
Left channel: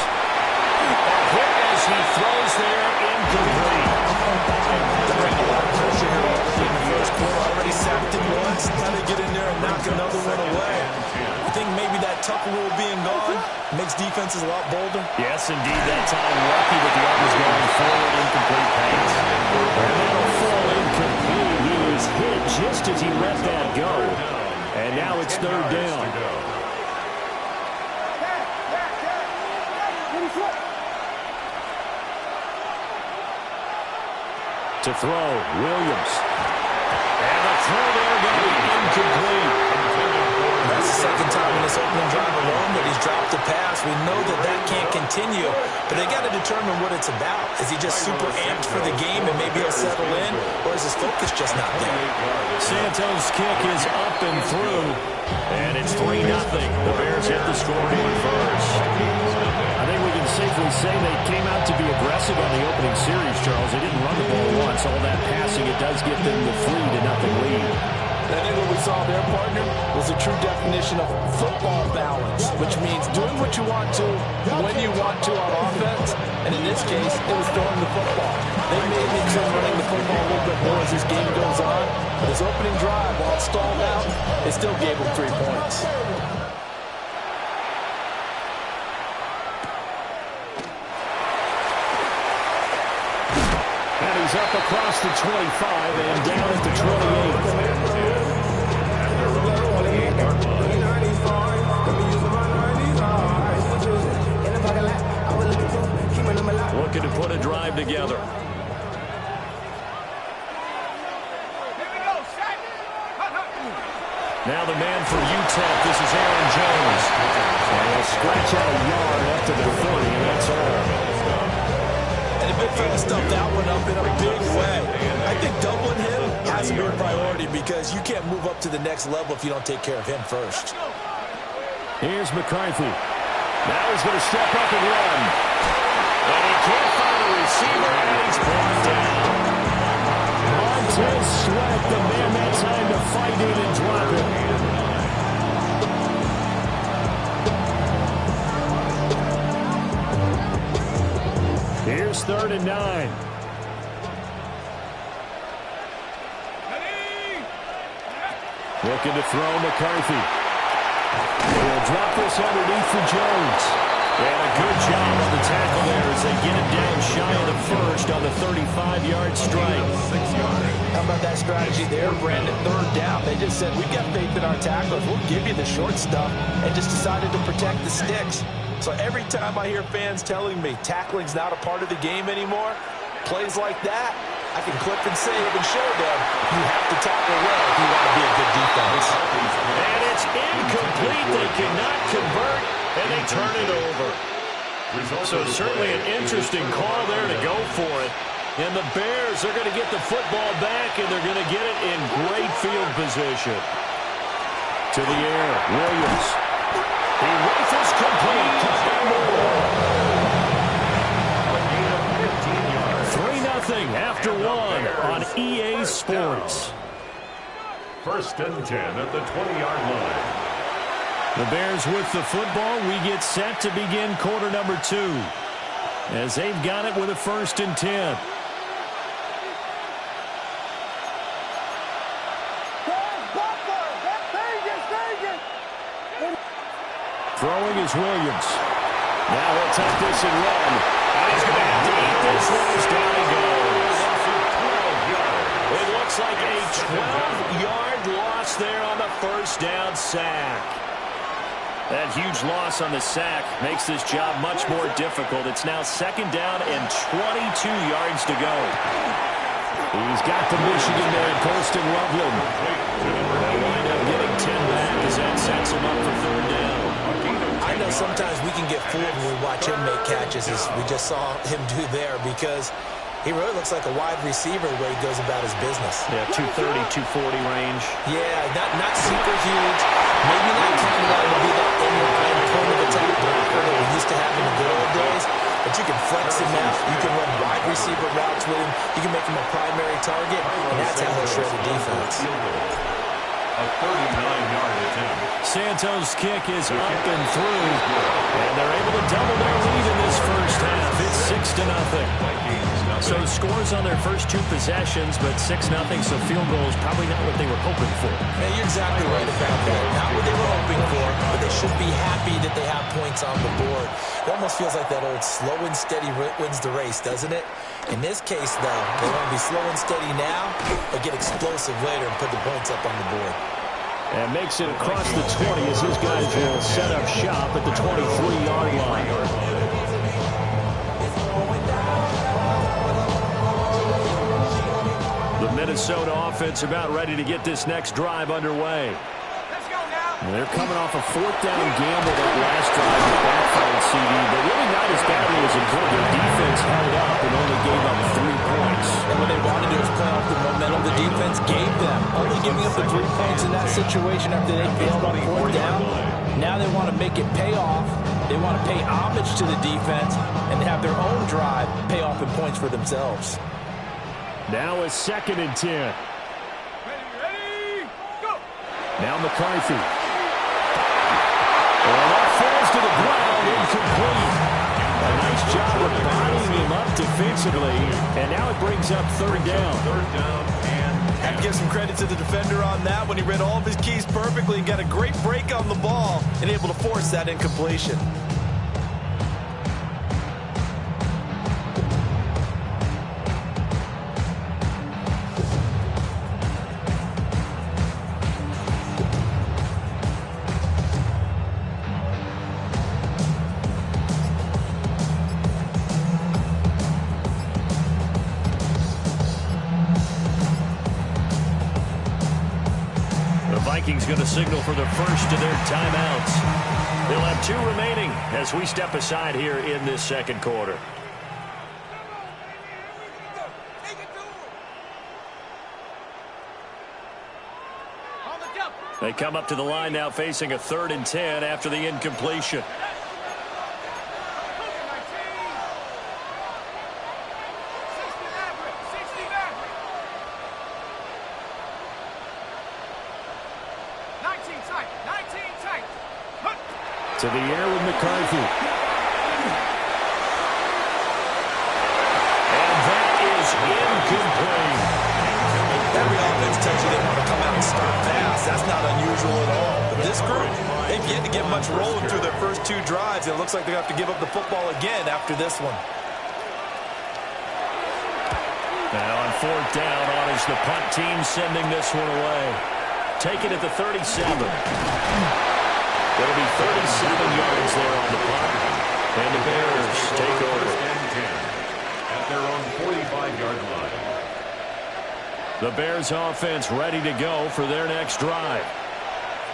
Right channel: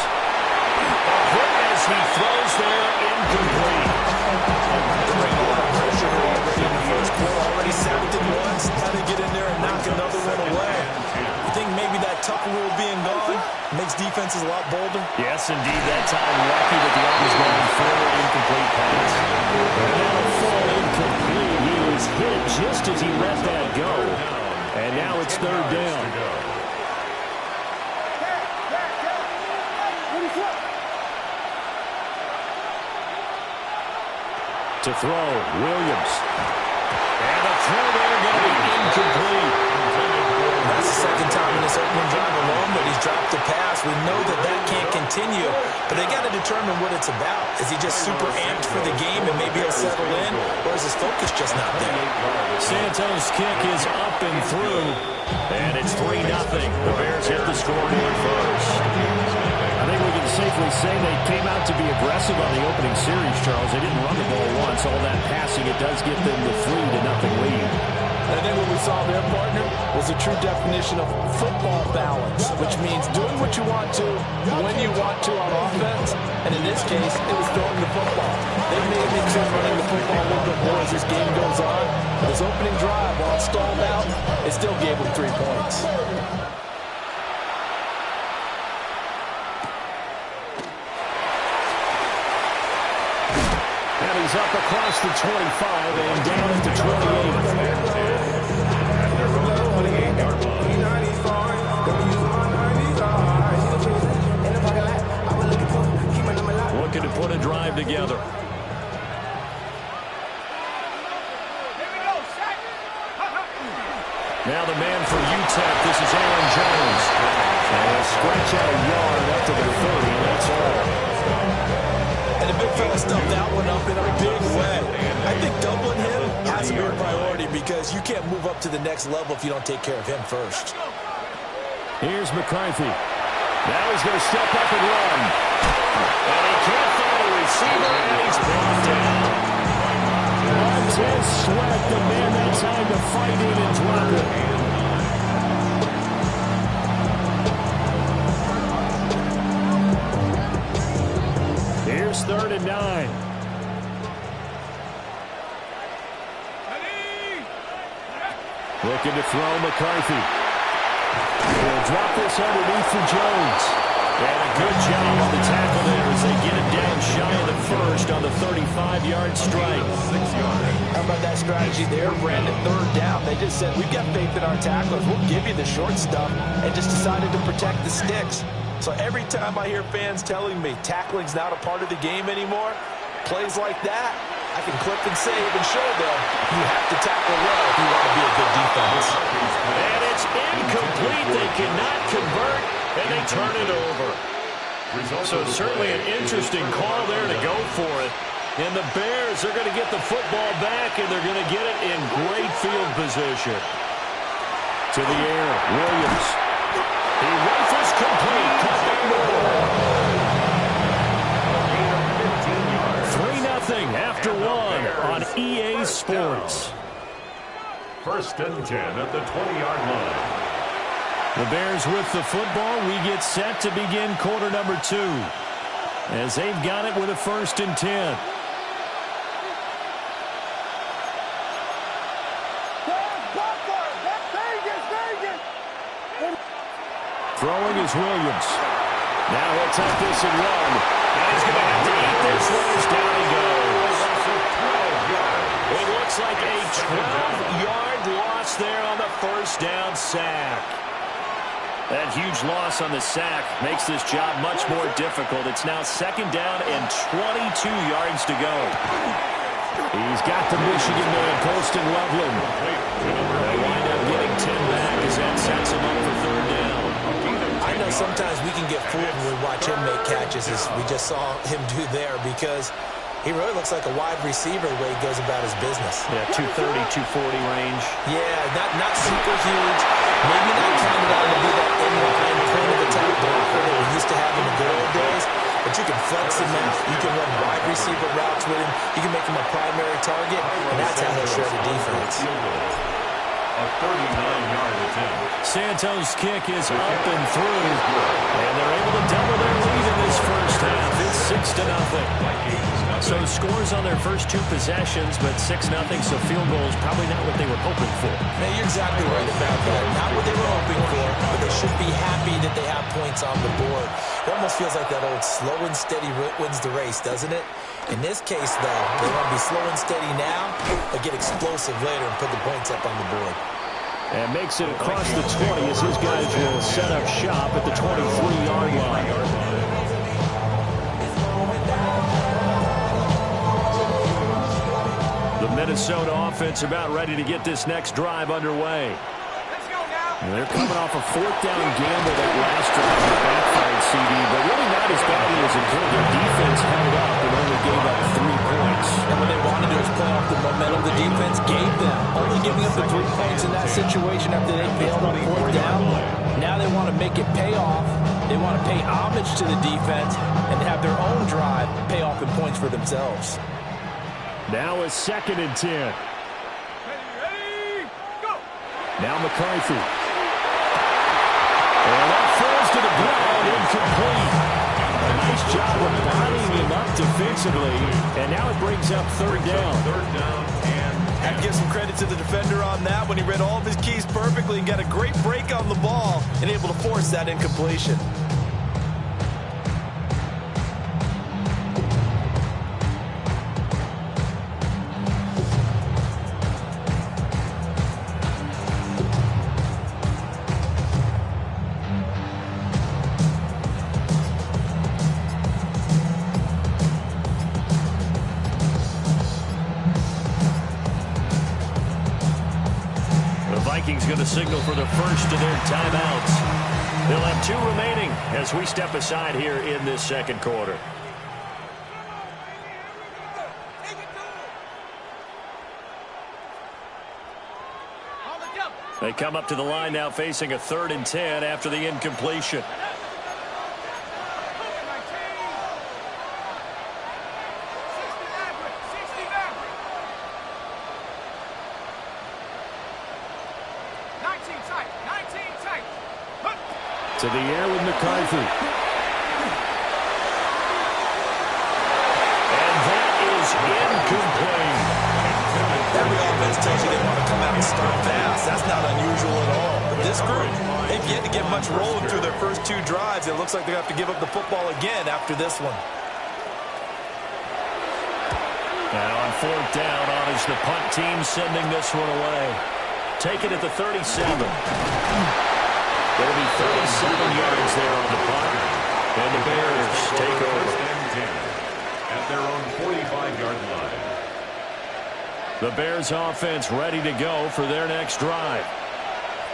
A hit as he throws there, incomplete. They're bringing a lot of pressure here already in the first quarter. Already sacked it once. How to get in there and knock another one away. You think maybe that tuck rule being gone makes defenses a lot bolder? Yes, indeed. That time lucky that the arm was going forward. Incomplete pass. And that'll fall incomplete. He was hit just as he let that go. And now it's 3rd down. To throw, Williams. And the throw there going to be incomplete. That's the second time in this opening drive alone that he's dropped a pass. We know that that can't continue, but they got to determine what it's about. Is he just super amped for the game and maybe he'll settle in, or is his focus just not there? Santos' kick is up and through, and it's 3-0. The Bears hit the scoreboard first. I think we can safely say they came out to be aggressive on the opening series, Charles. They didn't run the ball once. All that passing, it does give them the 3-0 lead. I think what we saw there, partner, was a true definition of football balance, which means doing what you want to, when you want to on offense, and in this case, it was throwing the football. They may have been running the football a little bit more as this game goes on, but his opening drive, while it stalled out, it still gave him 3 points. is up across the 25 and down at the 28. At their own 28-yard line. Looking to put a drive together. Now the man for UTEP, this is Aaron Jones. And he'll scratch out a yard up to the 30, and that's all. And the big fella stuffed that one up in a big way. I think doubling him has to be a priority because you can't move up to the next level if you don't take care of him first. Here's McCarthy. Now he's going to step up and run. And he can't find a receiver, and he's brought down. Montez Sweat, the man that time to fight in and drop it. Here's 3rd and 9. Looking to throw McCarthy. He'll drop this underneath for Jones. And a good job on the tackle there as they get him down shy of the first on the 35-yard strike. 6 yards. How about that strategy there, Brandon? 3rd down. They just said, we've got faith in our tacklers. We'll give you the short stuff, and just decided to protect the sticks. So every time I hear fans telling me tackling's not a part of the game anymore, plays like that, I can clip and save and show them you have to tackle well if you want to be a good defense. And it's incomplete. They cannot convert, and they turn it over. So certainly an interesting call there to go for it. And the Bears are going to get the football back, and they're going to get it in great field position. To the air, Williams. He rifles complete. Cut that ball. 3-0 after 1 on EA Sports. 1st and 10 at the 20-yard line. The Bears with the football. We get set to begin quarter number 2 as they've got it with a 1st and 10. Throwing is Williams. Now he'll tuck this and run. And he's going to have to eat this one as down he goes. It looks like a 12-yard loss there on the 1st down sack. That huge loss on the sack makes this job much more difficult. It's now 2nd down and 22 yards to go. He's got the Michigan man, Colston Loveland. They'll wind up getting 10 back as that sets him up for 3rd down. I know sometimes we can get fooled when we watch him make catches, as we just saw him do there, because he really looks like a wide receiver the way he goes about his business. Yeah, 230, 240 range. Yeah, not super huge. Maybe not counted on to be that inline point of attack blocker that we used to have in the good old days. But you can flex him out. You can run wide receiver routes with him. You can make him a primary target, and that's how he'll shred the defense. A 39-yard attempt. Santos' kick is up and through, and they're able to double their lead in this 1st half. It's 6-0. So scores on their first 2 possessions, but 6-0, so field goals probably not what they were hoping for. Man, you're exactly right about that. Not what they were hoping for, but they should be happy that they have points on the board. It almost feels like that old slow and steady wins the race, doesn't it? In this case, though, they want to be slow and steady now, but get explosive later and put the points up on the board. And makes it across the 20 as his guys will set up shop at the 23-yard line. The Minnesota offense about ready to get this next drive underway. And they're coming off a 4th down gamble that last drive with backfired CD, but really not as badly as it could. Their defense held up and only gave up 3 points. And what they wanted to do is play off the momentum the defense gave them. Only giving up the 3 points in that situation after they failed on 4th down. Now they want to make it pay off. They want to pay homage to the defense and have their own drive pay off in points for themselves. Now a 2nd and 10. Ready, go! Now McCarthy. And that falls to the ground, incomplete. A nice job of bodying him up defensively, and now it brings up 3rd down. 3rd down and I have to give some credit to the defender on that when he read all of his keys perfectly and got a great break on the ball and able to force that incompletion. Vikings going to signal for the first of their timeouts. They'll have 2 remaining as we step aside here in this second quarter. They come up to the line now facing a 3rd and 10 after the incompletion. To the air with McCarthy. And that is incomplete. Every offense tells you they want to come out and start fast. That's not unusual at all. But this group, they've yet to get much rolling through their first 2 drives. It looks like they have to give up the football again after this one. Now on 4th down, honors the punt team sending this one away. Take it at the 37. It'll be 37 yards there on the punt. And the Bears take over. 1st and 10 at their own 45-yard line. The Bears offense ready to go for their next drive.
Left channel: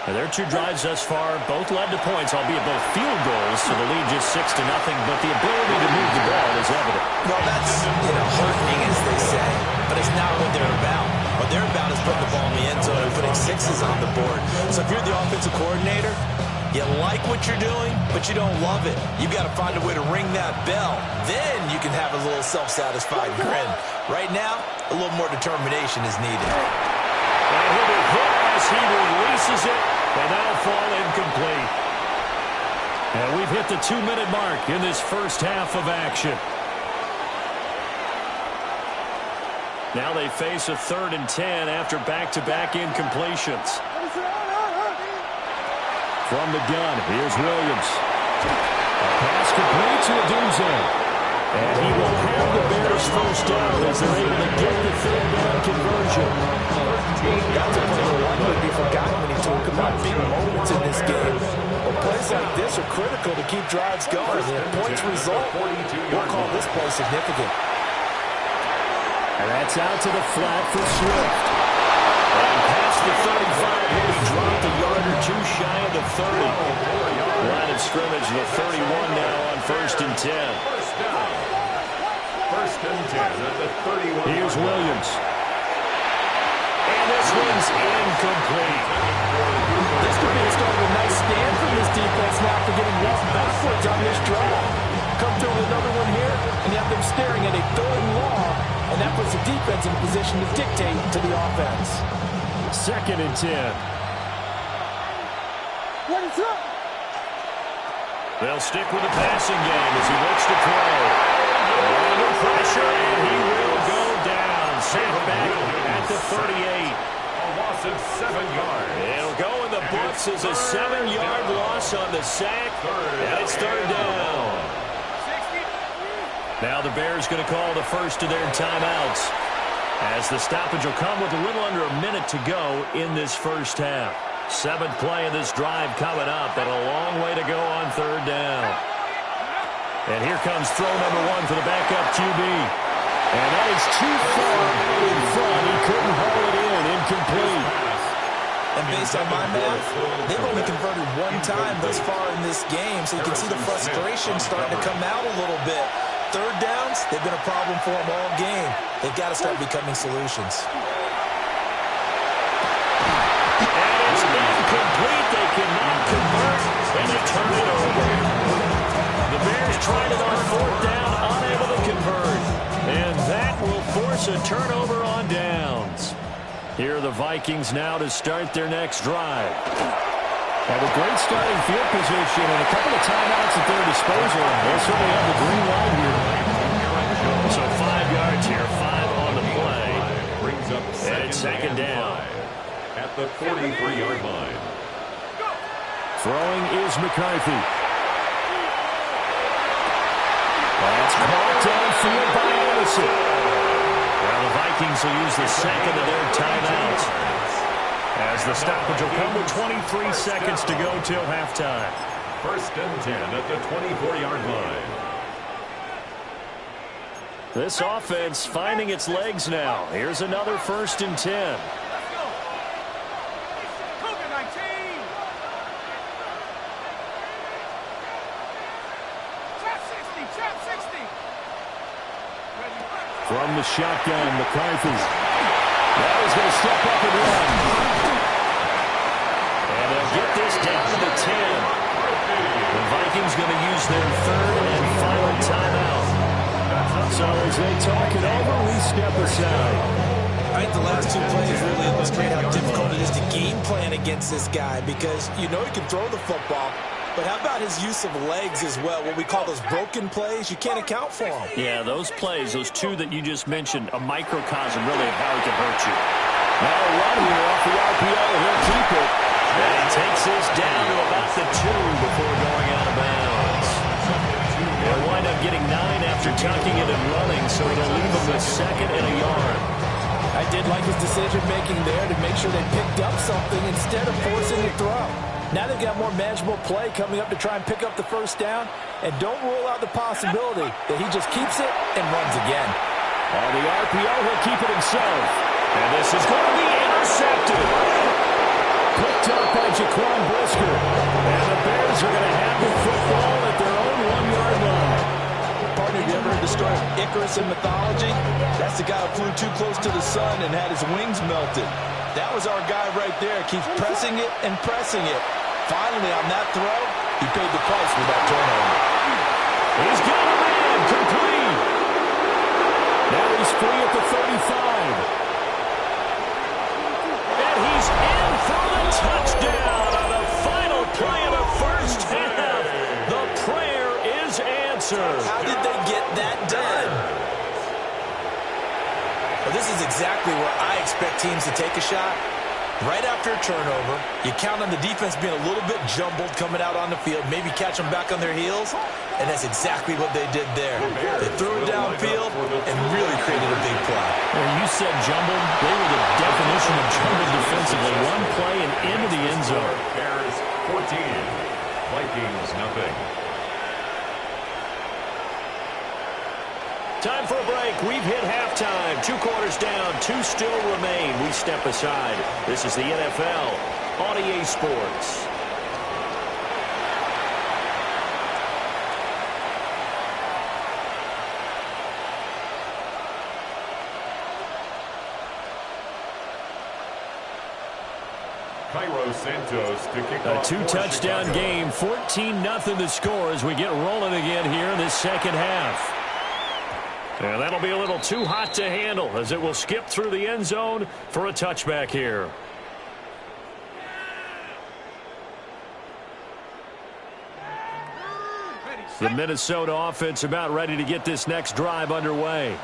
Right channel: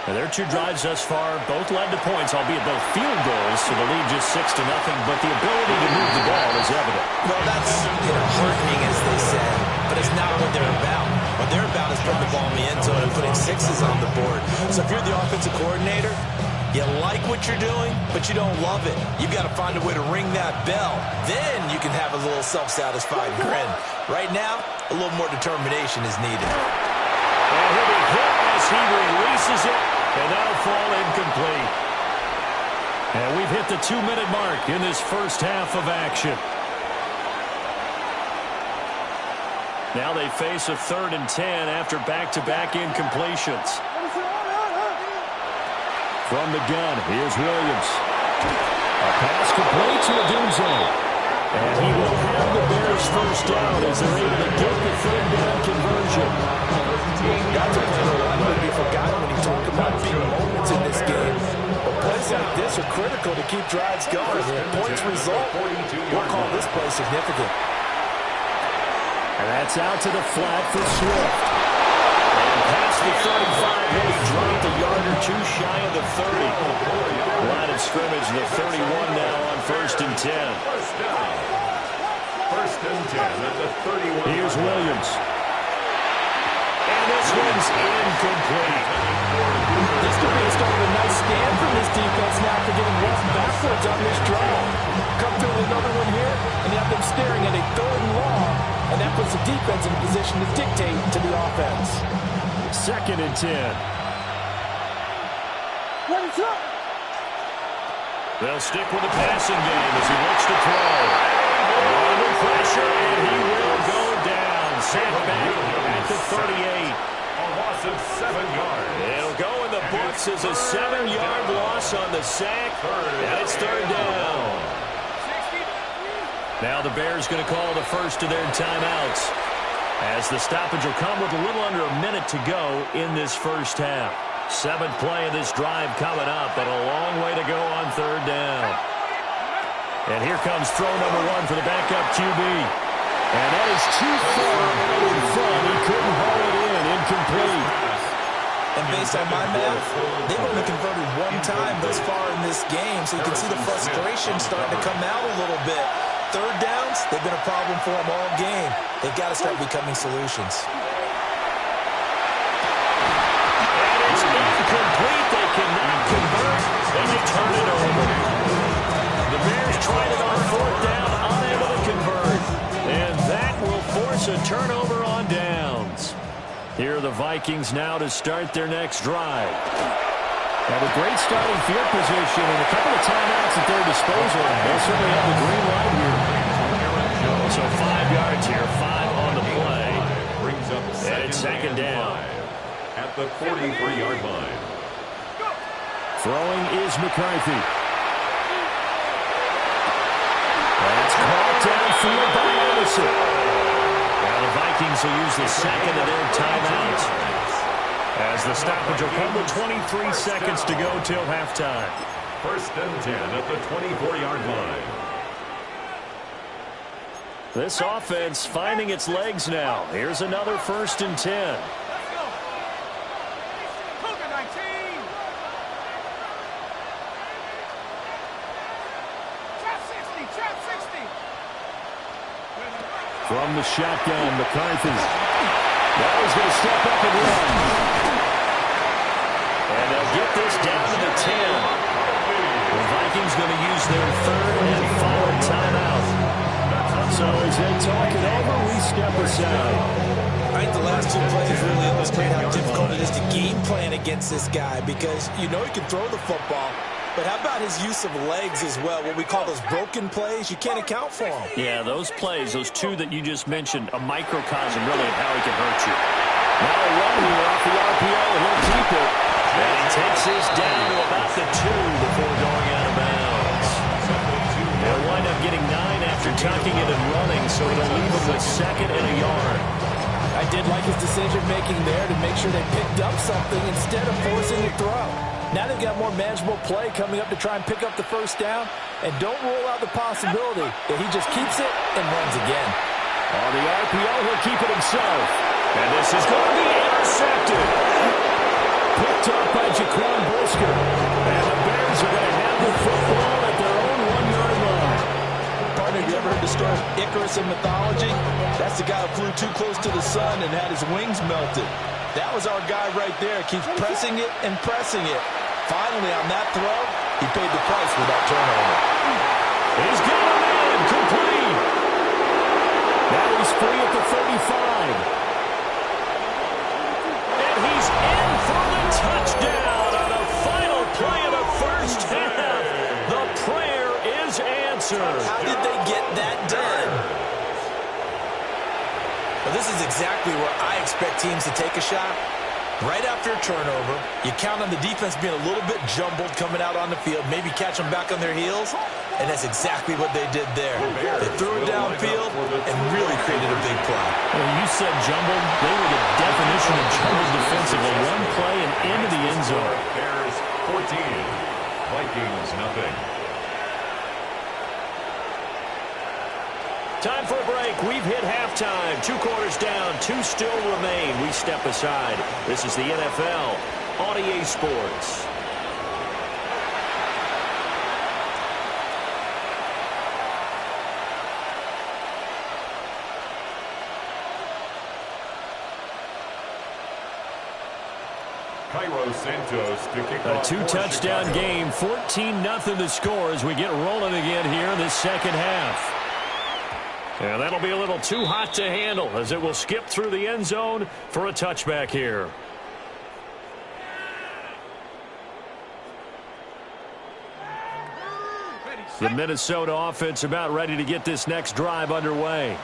Now, their 2 drives thus far both led to points, albeit both field goals, so the lead just 6-0, but the ability to move the ball is evident. Well, that's, heartening, as they say, but it's not what they're about. What they're about is putting the ball in the end zone and putting 6s on the board. So if you're the offensive coordinator, you like what you're doing, but you don't love it. You've got to find a way to ring that bell. Then you can have a little self-satisfied grin. Right now, a little more determination is needed. And he'll be hit as he releases it, and that'll fall incomplete. And we've hit the 2-minute mark in this first half of action. Now they face a 3rd and 10 after back-to-back incompletions. From the gun, here's Williams. A pass complete to Odunze. And he will have the Bears first down as they're able to get the 3rd down conversion. That's a play that likely be forgotten when you talk about big moments in this game. But plays like this are critical to keep drives going. And if points result, we'll call this play significant. And that's out to the flat for Swift. And past the 35, he'll be dropped a yard or 2 shy of the 30. Line of scrimmage, the 31 now on 1st and 10. 1st down. 1st and 10 at the 31. Here's Williams. And this one's incomplete. This could be the start of a nice stand from this defense now after getting walked backwards on this drive. Come through with another one here, and you have them staring at a 3rd and long, and that puts the defense in a position to dictate to the offense. 2nd and 10. What is up? They'll stick with the passing game as he looks to throw. Under pressure, and he will go down. Sacked back at the 38. A loss of 7 yards. It'll go in the books as a 7-yard loss on the sack, and it's 3rd down. Now the Bears going to call the first of their timeouts, as the stoppage will come with a little under a minute to go in this first half. 7th play of this drive coming up, and a long way to go on 3rd down. And here comes throw number 1 for the backup QB. And that is too far out in front. He couldn't haul it in. Incomplete. And based on my math, they've only converted 1 time thus far in this game, so you can see the frustration starting to come out a little bit. 3rd downs, they've been a problem for them all game. They've got to start becoming solutions. And it's incomplete. They cannot convert, and they turn it over. The Bears tried it on 4th down, unable to convert. And that will force a turnover on downs. Here are the Vikings now to start their next drive. Have a great starting field position and a couple of timeouts at their disposal. They'll certainly have the green light here. So 5 yards here, 5 on the play. Brings up And it's 2nd down. 5 at the 43-yard line. Throwing is McCarthy. That's caught downfield by Addison. Now the Vikings will use the 2nd of their timeouts, as the stoppage will come with 23 seconds to go till halftime. 1st and 10 at the 24-yard line. This offense finding its legs now. Here's another 1st and 10. From the shotgun, McCarthy. Now he's going to step up and run. And they'll get this down to the 10. The Vikings going to use their third and final timeout. So as they talk it over, we step aside. I think the last two plays really illustrate how difficult it is to game plan against this guy, because you know he can throw the football, but how about his use of legs as well? What we call those broken plays, you can't account for them. Yeah, those plays, those two that you just mentioned, a microcosm really of how he can hurt you. Now a run here off the RPO, and he'll keep it. And he takes this down to about the 2 before going out of bounds. They'll wind up getting 9 after tucking it and running, so it'll leave him with 2nd and a yard. I did like his decision-making there to make sure they picked up something instead of forcing the throw. Now they've got more manageable play coming up to try and pick up the first down, and don't rule out the possibility that he just keeps it and runs again. On the RPO, he'll keep it himself. And this is going to be intercepted. Picked up by Jaquan Brisker. And the Bears are going to have the football at their own 1-yard line. Partner, have you ever heard the story of Icarus in mythology? That's the guy who flew too close to the sun and had his wings melted. That was our guy right there. Keeps pressing it and pressing it. Finally, on that throw, he paid the price with that turnover. He's got a man, complete. Now he's free at the 35. And he's in for the touchdown on the final play of the first half. The prayer is answered. How did they get that done? Well, this is exactly where I expect teams to take a shot. Right after a turnover, you count on the defense being a little bit jumbled coming out on the field, maybe catch them back on their heels, and that's exactly what they did there. They threw it downfield and really created a big play. Well, you said jumbled. They were the definition of jumbled defensively. One play and into the end zone. Bears 14, Vikings nothing. Time for a break. We've hit halftime. 2 quarters down. 2 still remain. We step aside. This is the NFL on EA Sports. Cairo Santos to kick A off 2-touchdown game. 14-0 the score as we get rolling again here in this second half. And that'll be a little too hot to handle as it will skip through the end zone for a touchback here. The Minnesota offense about ready to get this next drive underway.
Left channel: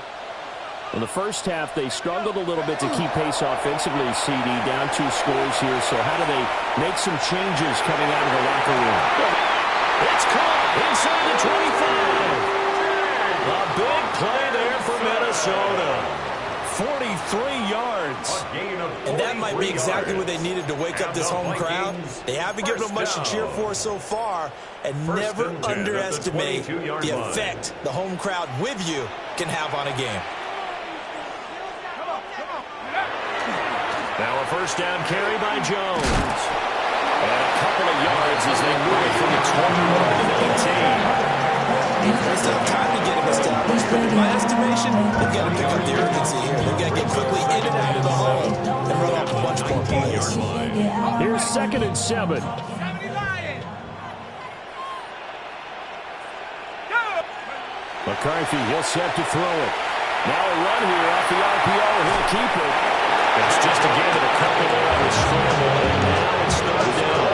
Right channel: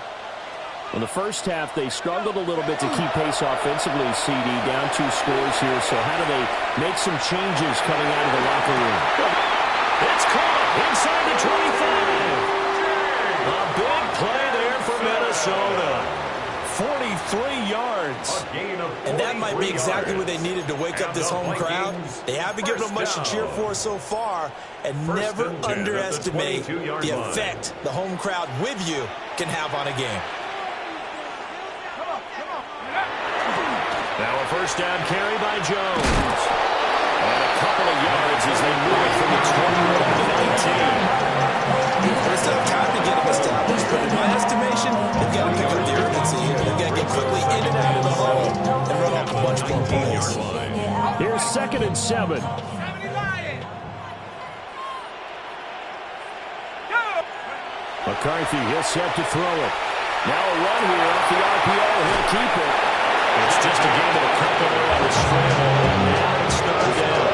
In the first half, they struggled a little bit to keep pace offensively, CD, down 2 scores here. So how do they make some changes coming out of the locker room? It's caught inside the 25. A big play there for Minnesota. 43 yards. And that might be exactly what they needed to wake up this home crowd. They haven't given them much to cheer for so far. And never underestimate the effect the home crowd with you can have on a game. Now a first down carry by Jones. And a couple of yards as they move it from the 21 to the 19. There's still time to get him established, but in my estimation, they've got to pick up the urgency here. They've got to get quickly in and out of the hole and run off a bunch more plays. Here's 2nd and 7. McCarthy, he'll set to throw it. Now a run here off the RPO. He'll keep it. It's just a game of the couple there on the scramble, and now it's 3rd down.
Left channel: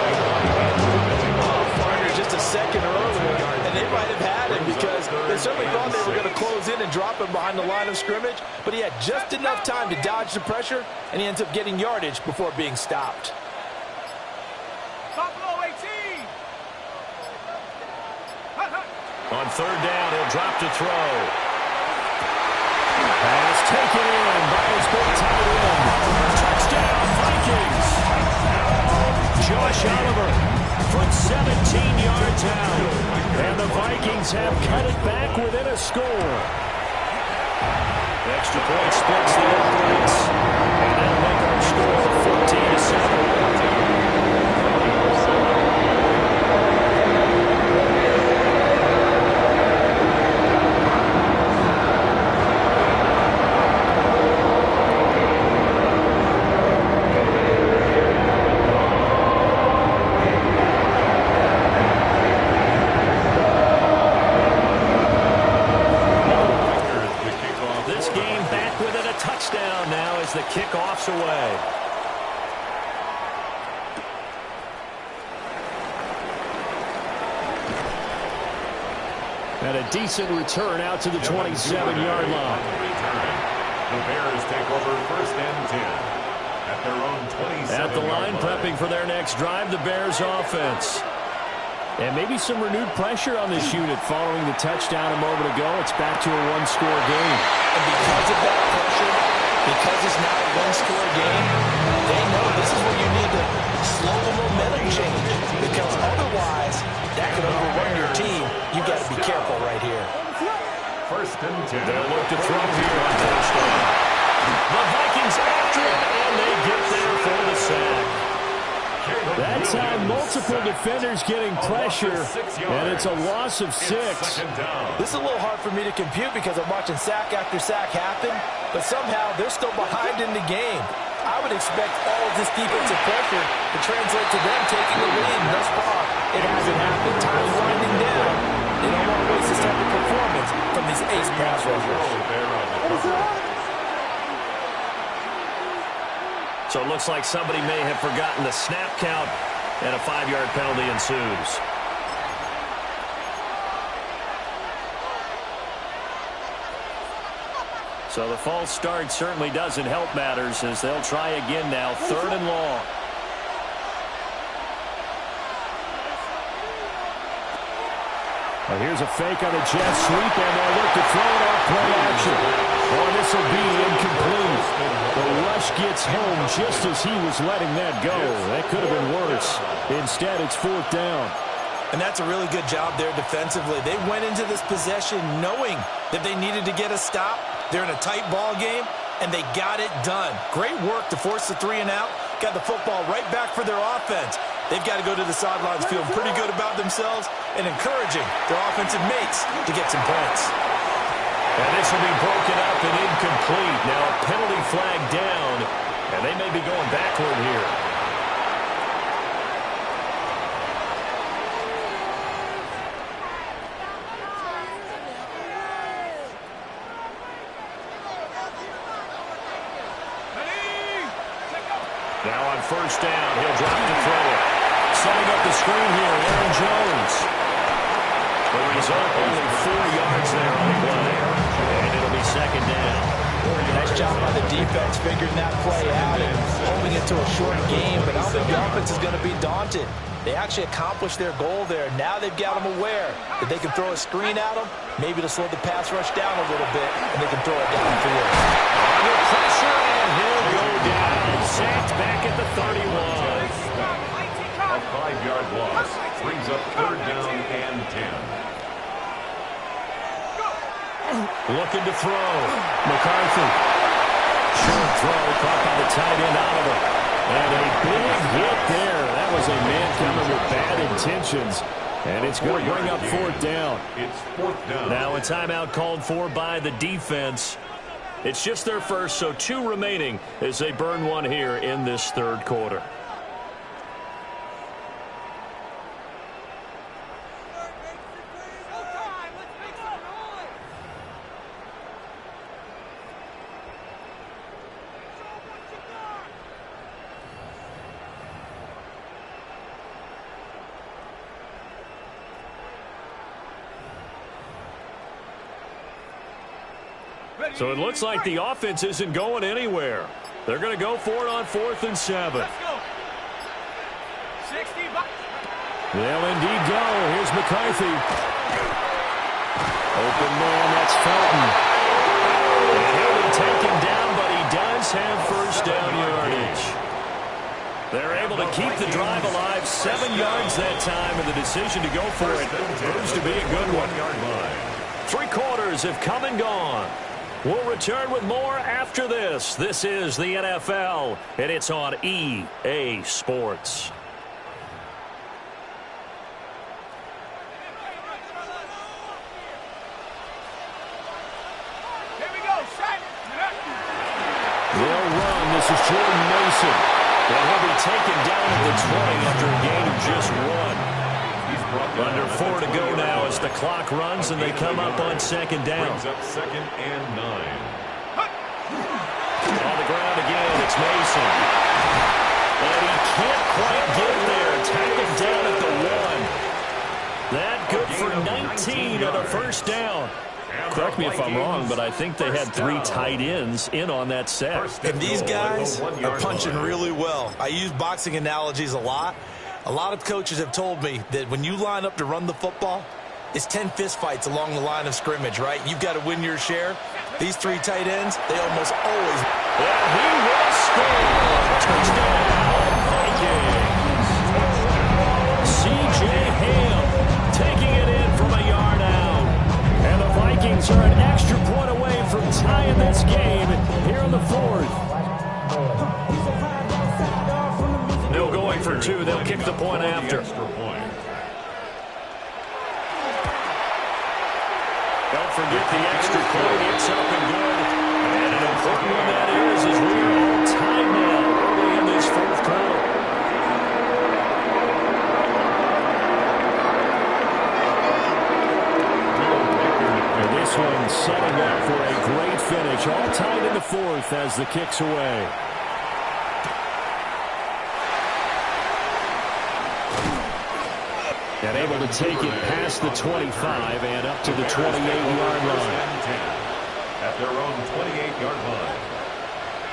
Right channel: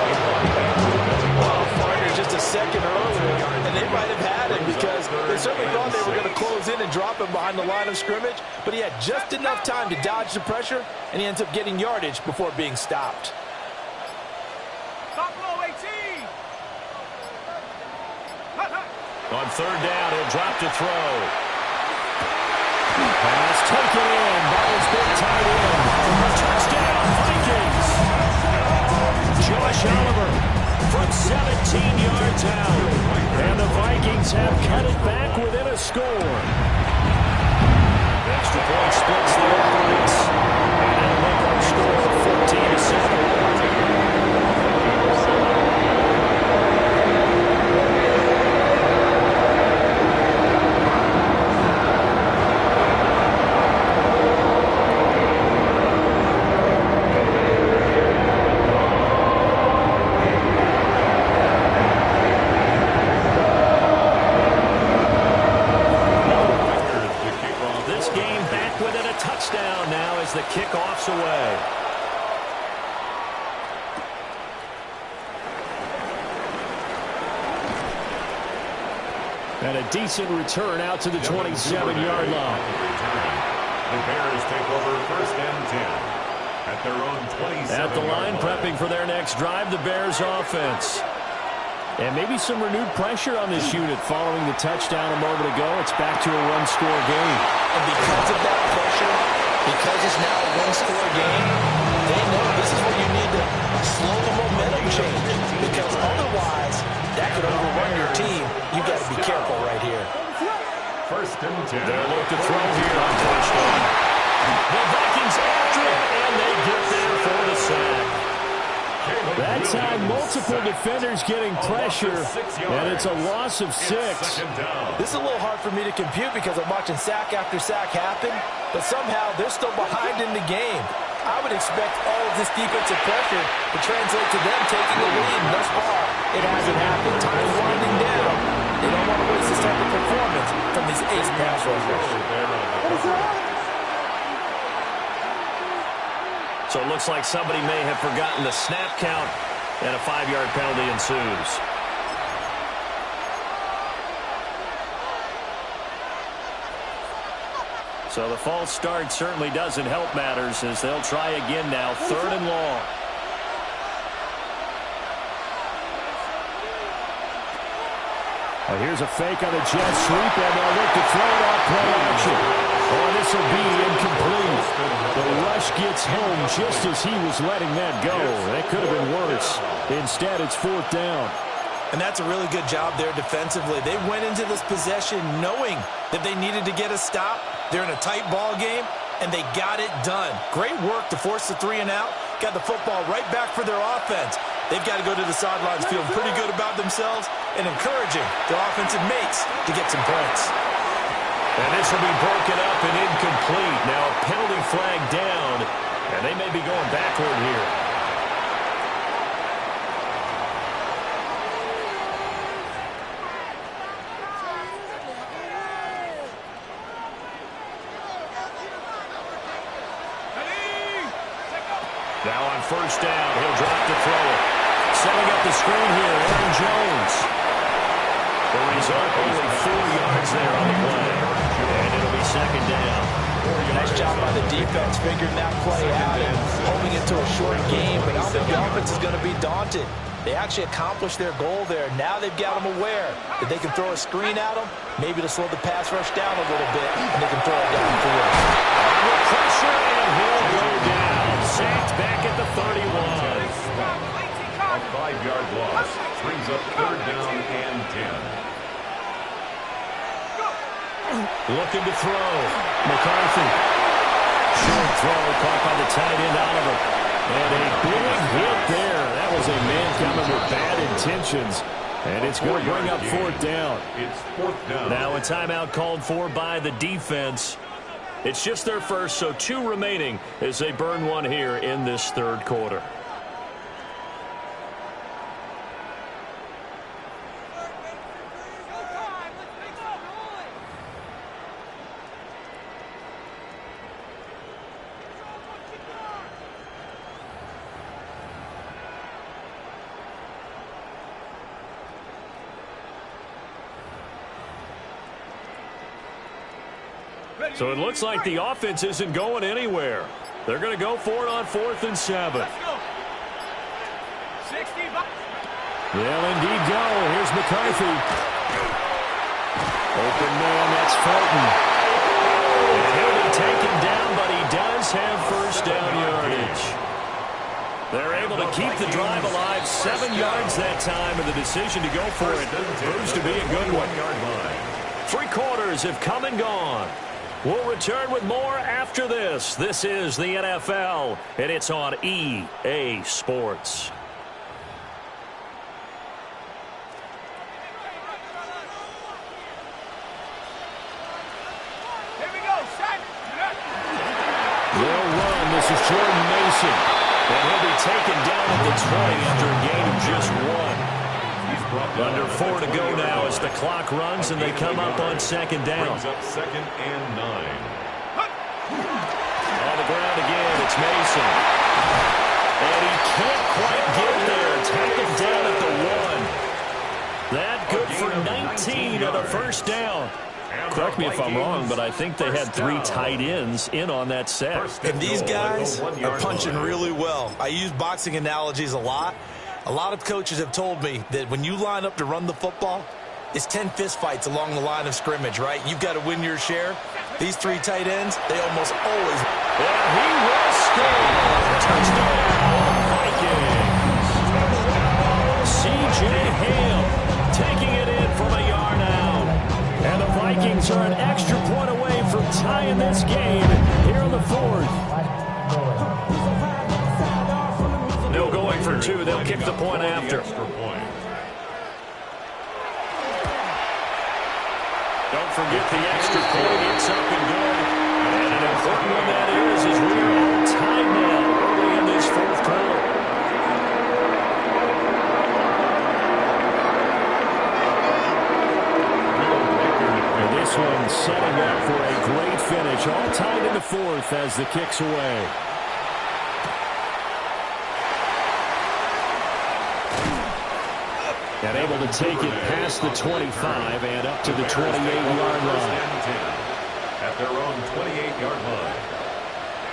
Partner just a second earlier, and they might have had him because they certainly thought they were going to close in and drop him behind the line of scrimmage, but he had just enough time to dodge the pressure, and he ends up getting yardage before being stopped. On 3rd down, he'll drop to throw. Pass taken in by his big tight end. Touchdown, Vikings. Josh Oliver from 17 yards out. And the Vikings have cut it back within a score. Extra point splits the uprights. And that'll make our score 14-7. kickoffs away. And a decent return out to the 27-yard line. The Bears take over 1st and 10 at their own 27-yard line. At the line, prepping for their next drive, the Bears offense. And maybe some renewed pressure on this unit following the touchdown a moment ago. It's back to a one-score game. And because of that pressure, because it's now a one-score game, they know this is where you need to slow the momentum change. Because otherwise, that could overrun your team. You've got to be careful right here. 1st and 10. They'll look to throw here on first down. The Vikings after him, and they get there for the sack. That time, multiple defenders getting pressure, and it's a loss of 6. This is a little hard for me to compute because I'm watching sack after sack happen, but somehow they're still behind in the game. I would expect all of this defensive pressure to translate to them taking the lead, and thus far, it hasn't happened. Time's winding down. They don't want to waste this type of performance from these ace pass rushers. So it looks like somebody may have forgotten the snap count, and a 5-yard penalty ensues. So the false start certainly doesn't help matters as they'll try again now, 3rd and long. Well, here's a fake on the jet sweep, and they'll look to throw it off play action. Oh, this will be incomplete. The rush gets home just as he was letting that go. That could have been worse. Instead, it's 4th down. And that's a really good job there defensively. They went into this possession knowing that they needed to get a stop. They're in a tight ball game, and they got it done. Great work to force the 3 and out. Got the football right back for their offense. They've got to go to the sidelines feeling pretty good about themselves and encouraging their offensive mates to get some points. And this will be broken up and incomplete. Now a penalty flag down, and they may be going backward here. Now on first down, he'll drop to throw it. Setting up the screen here, Aaron Jones. The result, only 4 yards there on the play. And it'll be 2nd down. Nice job by the defense figuring that play out and holding it to a short game. But I don't think the offense is going to be daunted. They actually accomplished their goal there. Now they've got them aware that they can throw a screen at them, maybe to slow the pass rush down a little bit, and they can throw it downfield. Under pressure, and he'll go down. Sacked back at the 31. A 5-yard loss brings up 3rd down and 10. Looking to throw. McCarthy. Short throw caught by the tight end Oliver. And a big hit there. That was a man coming with bad intentions. And it's going to bring up 4th down. It's 4th down. Now a timeout called for by the defense. It's just their first, so 2 remaining as they burn one here in this 3rd quarter. So it looks like the offense isn't going anywhere. They're going to go for it on 4th and 7. Let's go. 60. They'll indeed go. Here's McCarthy. Open man, that's Felton. And he'll be taken down, but he does have first down yardage. They're able to keep the drive alive. 7 yards that time, and the decision to go for it proves to be a good one. 3 quarters have come and gone. We'll return with more after this. This is the NFL, and it's on EA Sports. Here we go, set. They'll run. This is Jordan Mason. And he'll be taken down at the 20 after a gain of just 1. Under 4 to go now as the clock runs and they come up on 2nd down. Brings up 2nd and 9. Well, the ground again. It's Mason. And he can't quite get there. Tackled down at the 1. That good for 19 on a first down. Correct me if I'm wrong, but I think they had 3 tight ends in on that set. And these guys are punching really well. I use boxing analogies a lot. A lot of coaches have told me that when you line up to run the football, it's 10 fist fights along the line of scrimmage, right? You've got to win your share. These 3 tight ends, they almost always. And he will score. Touchdown, Vikings. C.J. Ham taking it in from a yard out. And the Vikings are an extra point away from tying this game here in the 4th. No going for 2. They'll kick the point after. Don't forget the extra point. It's up and good. And an important one that is as we are all tied now early in this 4th quarter. And this one setting up for a great finish. All tied in the 4th as the kick's away. And able to take it past the 25 and up to the 28-yard line. At their own 28-yard line.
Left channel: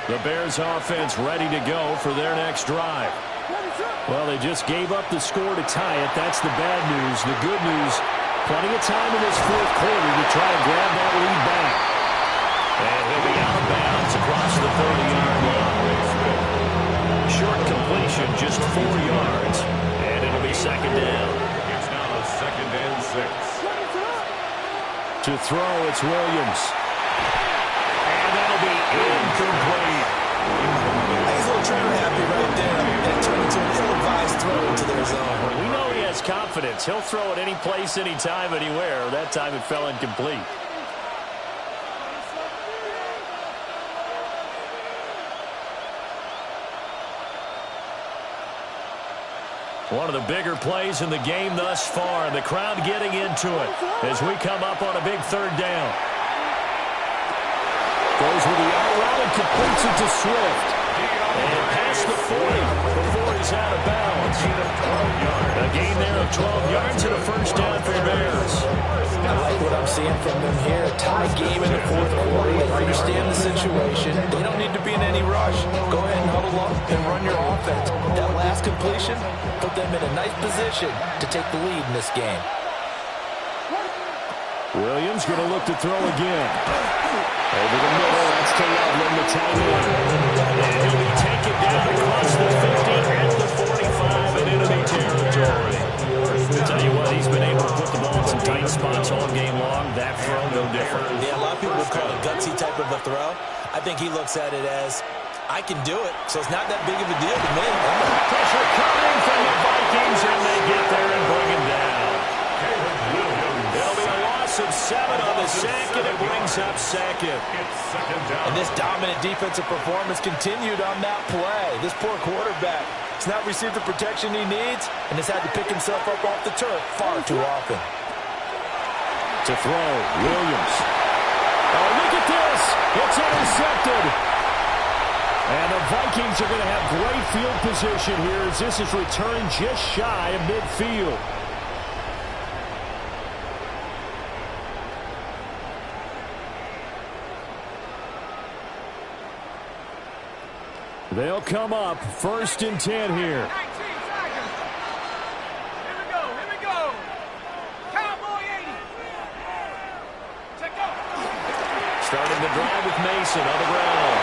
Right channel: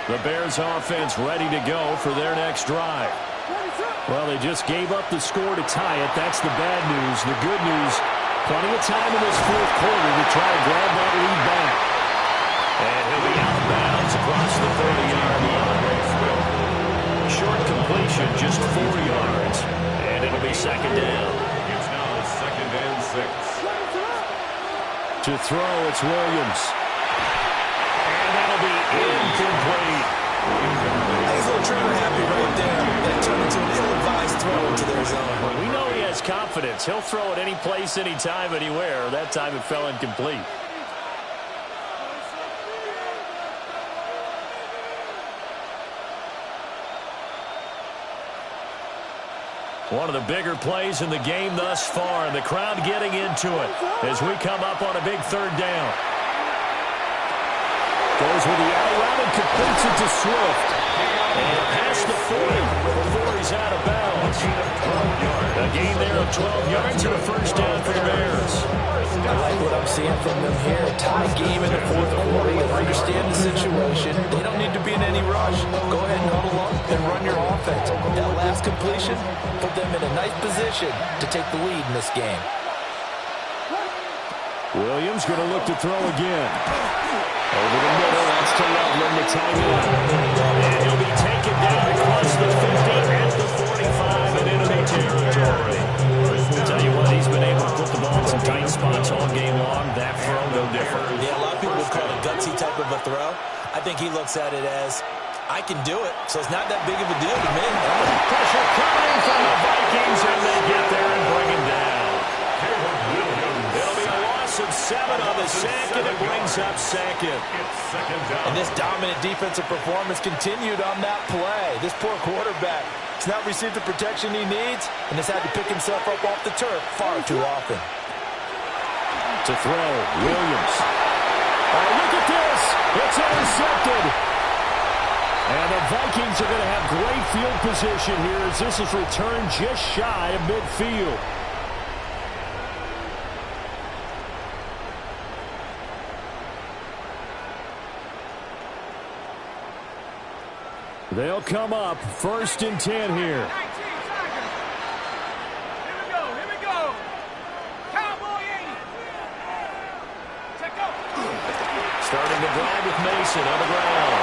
The Bears offense ready to go for their next drive. Well, they just gave up the score to tie it. That's the bad news. The good news, plenty of time in this 4th quarter to try to grab that lead back. And he'll be out of bounds across the 30-yard line. Short completion, just 4 yards. And it'll be 2nd down. It's now 2nd and 6. To throw, it's Williams. And that'll be incomplete. He's a little trigger happy right there. And it turned into an ill-advised throw into their zone. We know he has confidence. He'll throw it any place, anytime, anywhere. That time it fell incomplete. One of the bigger plays in the game thus far. The crowd getting into it as we come up on a big 3rd down. Goes with the out route and completes it to Swift. And past the 40 before he's out of bounds. A gain there of 12 yards and a first down for the Bears. I like what I'm seeing from them here. Tie game in the 4th quarter. They understand the situation. They don't need to be in any rush. Go ahead and huddle up and run your offense. That last completion put them in a nice position to take the lead in this game. Williams going to look to throw again. Over the middle, that's to Loveland, the tight end. And he'll be taken down across the 50 at the 45 and enemy territory. Tell you what, he's been able to put the ball in some tight spots all game long. That throw, no different. Yeah, a lot of people would call it a gutsy type of a throw. I think he looks at it as, I can do it, so it's not that big of a deal to me. Pressure coming from the Vikings, and they get there and bring him down. It'll be a loss of 7 on the sack, and it brings up 2nd. It's 2nd down. And this dominant defensive performance continued on that play. This poor quarterback has not received the protection he needs and has had to pick himself up off the turf far too often. To throw, Williams. Oh, look at this. It's intercepted. And the Vikings are going to have great field position here as this is returned just shy of midfield. They'll come up 1st and 10 here. 19 seconds. Here we go. Cowboy 80. Check out. Starting the drive with Mason on the ground.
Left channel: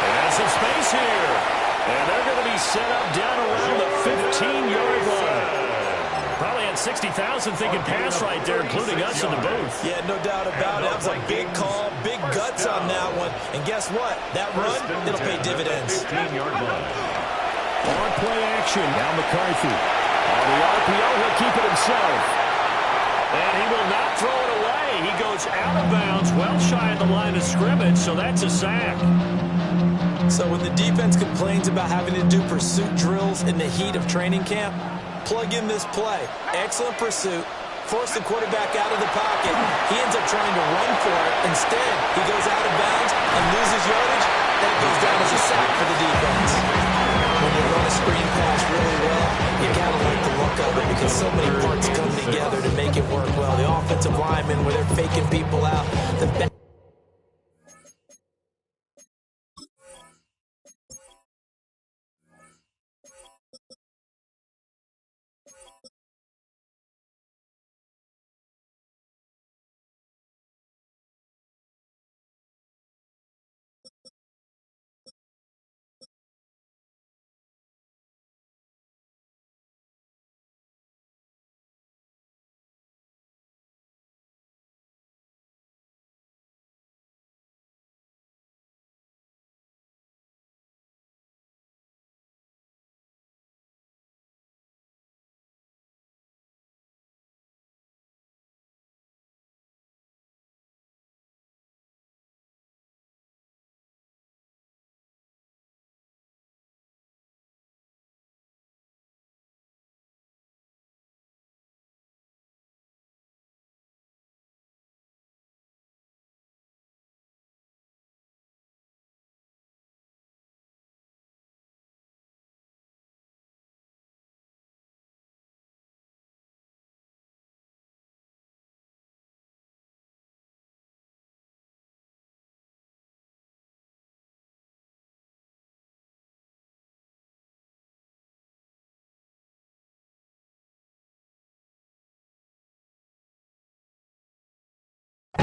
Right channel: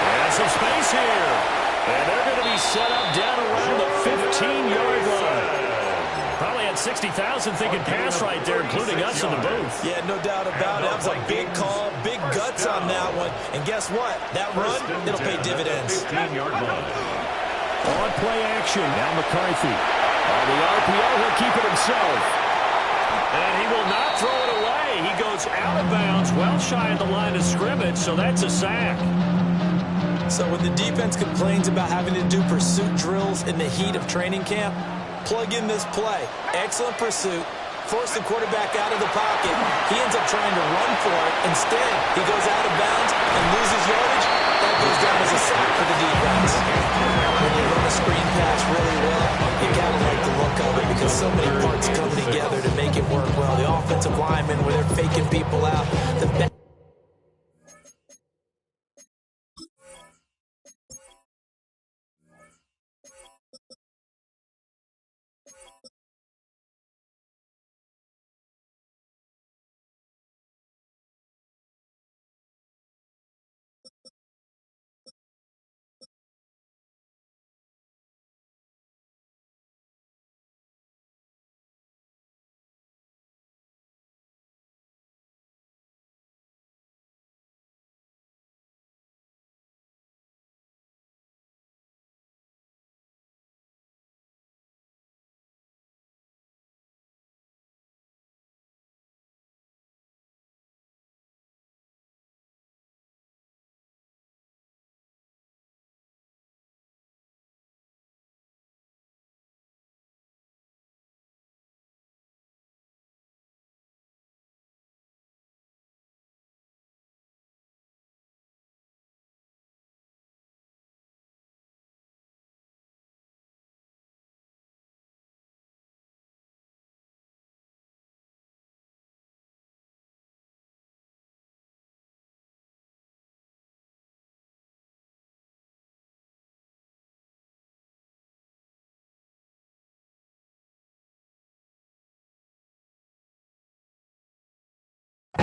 And some space here. And they're going to be set up down around the 15-yard line. Probably had 60,000 thinking pass right there, including us in the booth. Yeah, no doubt about it. That was a big call, big guts on that one. And guess what? That run, it'll pay dividends. 15-yard line. On play action, now McCarthy. On the RPO, he'll keep it himself. And he will not throw it away. He goes out of bounds, well shy of the line of scrimmage, so that's a sack. So when the defense complains about having to do pursuit drills in the heat of training camp, plug in this play. Excellent pursuit, force the quarterback out of the pocket. He ends up trying to run for it. Instead, he goes out of bounds and loses yardage. That goes down as a sack for the defense. When you run a screen pass really well, you kind of like the look of it because so many parts come together to make it work well. The offensive linemen, where they're faking people out. The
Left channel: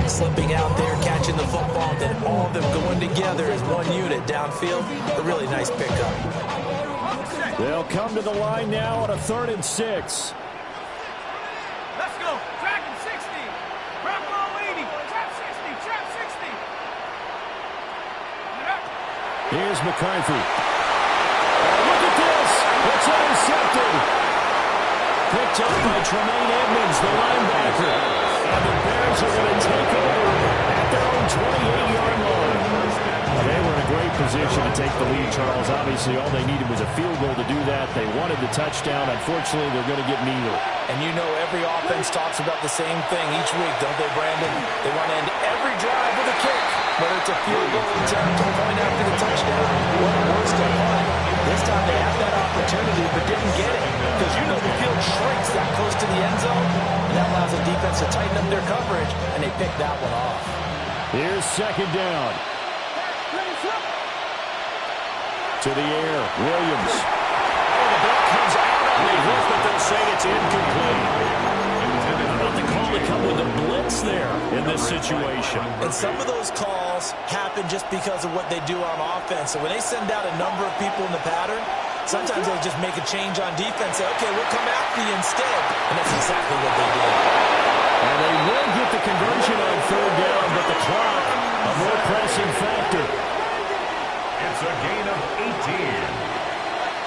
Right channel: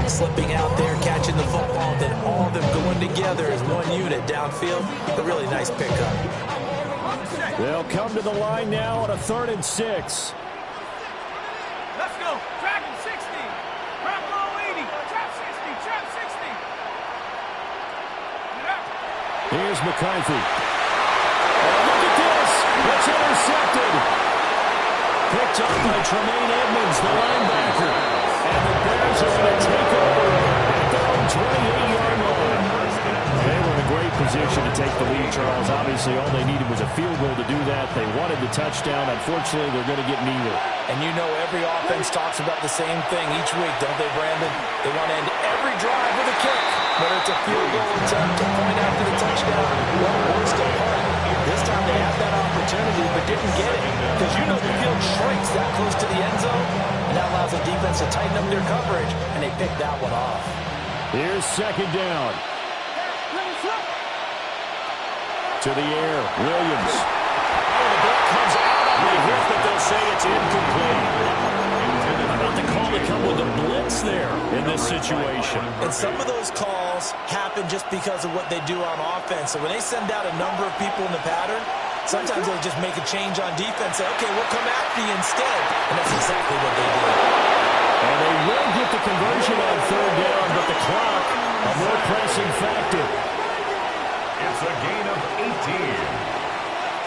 slipping out there, catching the football, then all of them going together as one unit downfield. A really nice pickup. They'll come to the line now on a 3rd and 6. Let's go. Dragon 60. Bravo 80. Trap 60. Trap 60. Here's McCarthy. Oh, look at this. It's intercepted. Picked up by Tremaine Edmonds, the linebacker. And the Bears are going to take over at their own 28-yard line. They were in a great position to take the lead, Charles. Obviously, all they needed was a field goal to do that. They wanted the touchdown. Unfortunately, they're going to get neither. And you know every offense talks about the same thing each week, don't they, Brandon? They want to end every drive with a kick, whether it's a field goal attempt, a point after the touchdown, or worse, a punt. This time they had that opportunity but didn't get it because you know the field shrinks that close to the end zone, and that allows the defense to tighten up their coverage, and they picked that one off. Here's 2nd down. To the air, Williams. Oh, the ball comes out on the hit, but they'll say it's incomplete. How about the call to come with a blitz there in this situation? And some of those calls happen just because of what they do on offense. So when they send out a number of people in the pattern, sometimes they just make a change on defense, say, okay, we'll come after you instead. And that's exactly what they did. And they will get the conversion on 3rd down, but the clock, a more pressing factor. It's a gain of 18.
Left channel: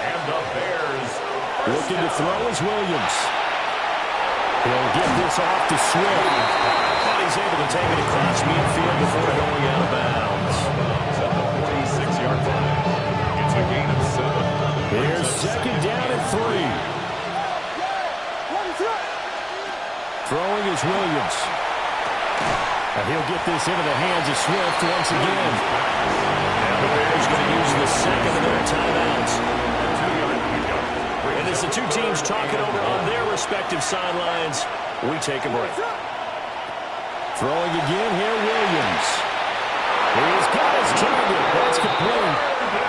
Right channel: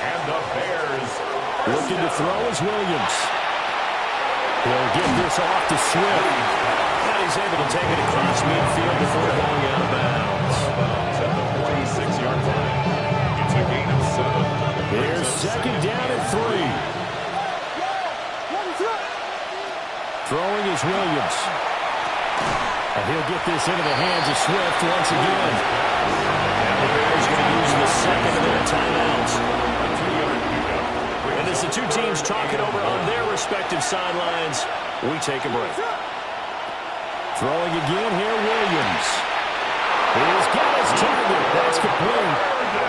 And the Bears looking to throw is Williams. He'll get this off to Swift. And he's able to take it across midfield before going out of bounds. At the 46-yard line. It's a gain of 7. Here's 2nd down and 3. Throwing is Williams. And he'll get this into the hands of Swift once again. Now the Bears going to use the 2nd of their timeouts. A 2-yard pickup. And as the two teams talk it over on their respective sidelines, we take a break. Throwing again here, Williams. He's got his target. That's complete.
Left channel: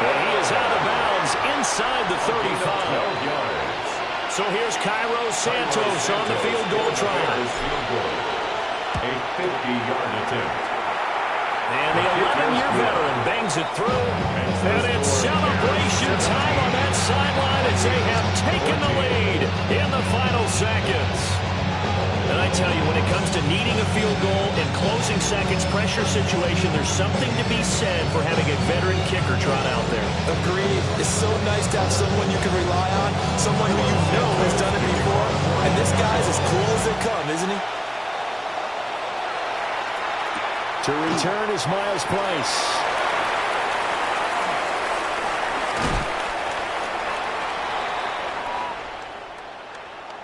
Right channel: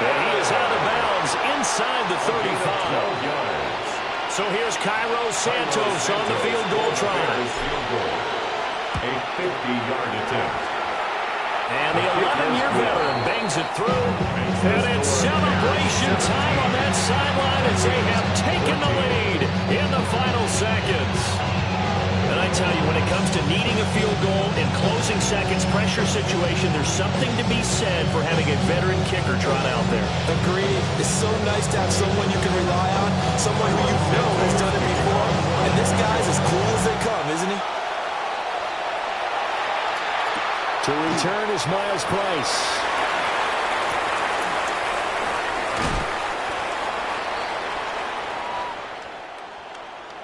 And he is out of bounds inside the 35. So here's Cairo Santos on the field goal try. A 50-yard attempt. And the 11-year veteran bangs it through. And it's celebration time on that sideline as they have taken the lead in the final seconds. And I tell you, when it comes to needing a field goal in closing seconds, pressure situation, there's something to be said for having a veteran kicker trot out there. Agreed. It's so nice to have someone you can rely on, someone who you know has done it before. And this guy's as cool as they come, isn't he? To return is Miles Price.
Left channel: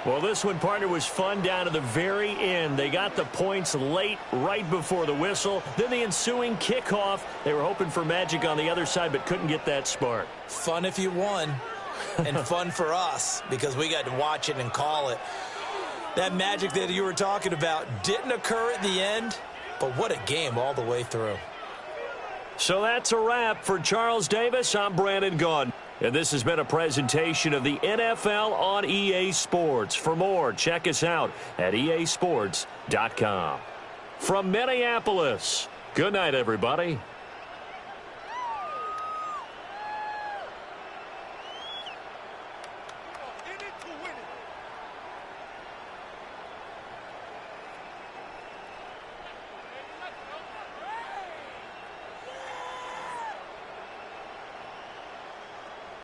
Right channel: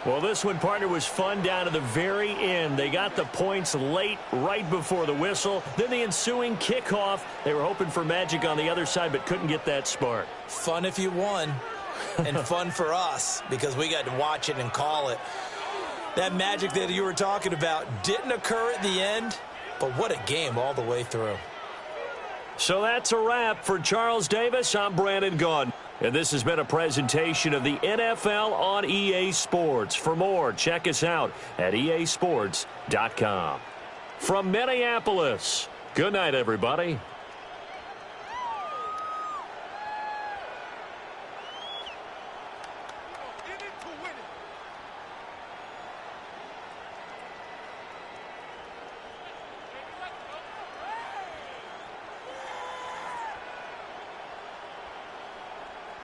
Well, this one, partner, was fun down to the very end. They got the points late, right before the whistle. Then the ensuing kickoff. They were hoping for magic on the other side, but couldn't get that spark. Fun if you won, and fun for us because we got to watch it and call it. That magic that you were talking about didn't occur at the end, but what a game all the way through. So that's a wrap. For Charles Davis, I'm Brandon Gaudin. And this has been a presentation of the NFL on EA Sports. For more, check us out at easports.com. From Minneapolis, good night, everybody.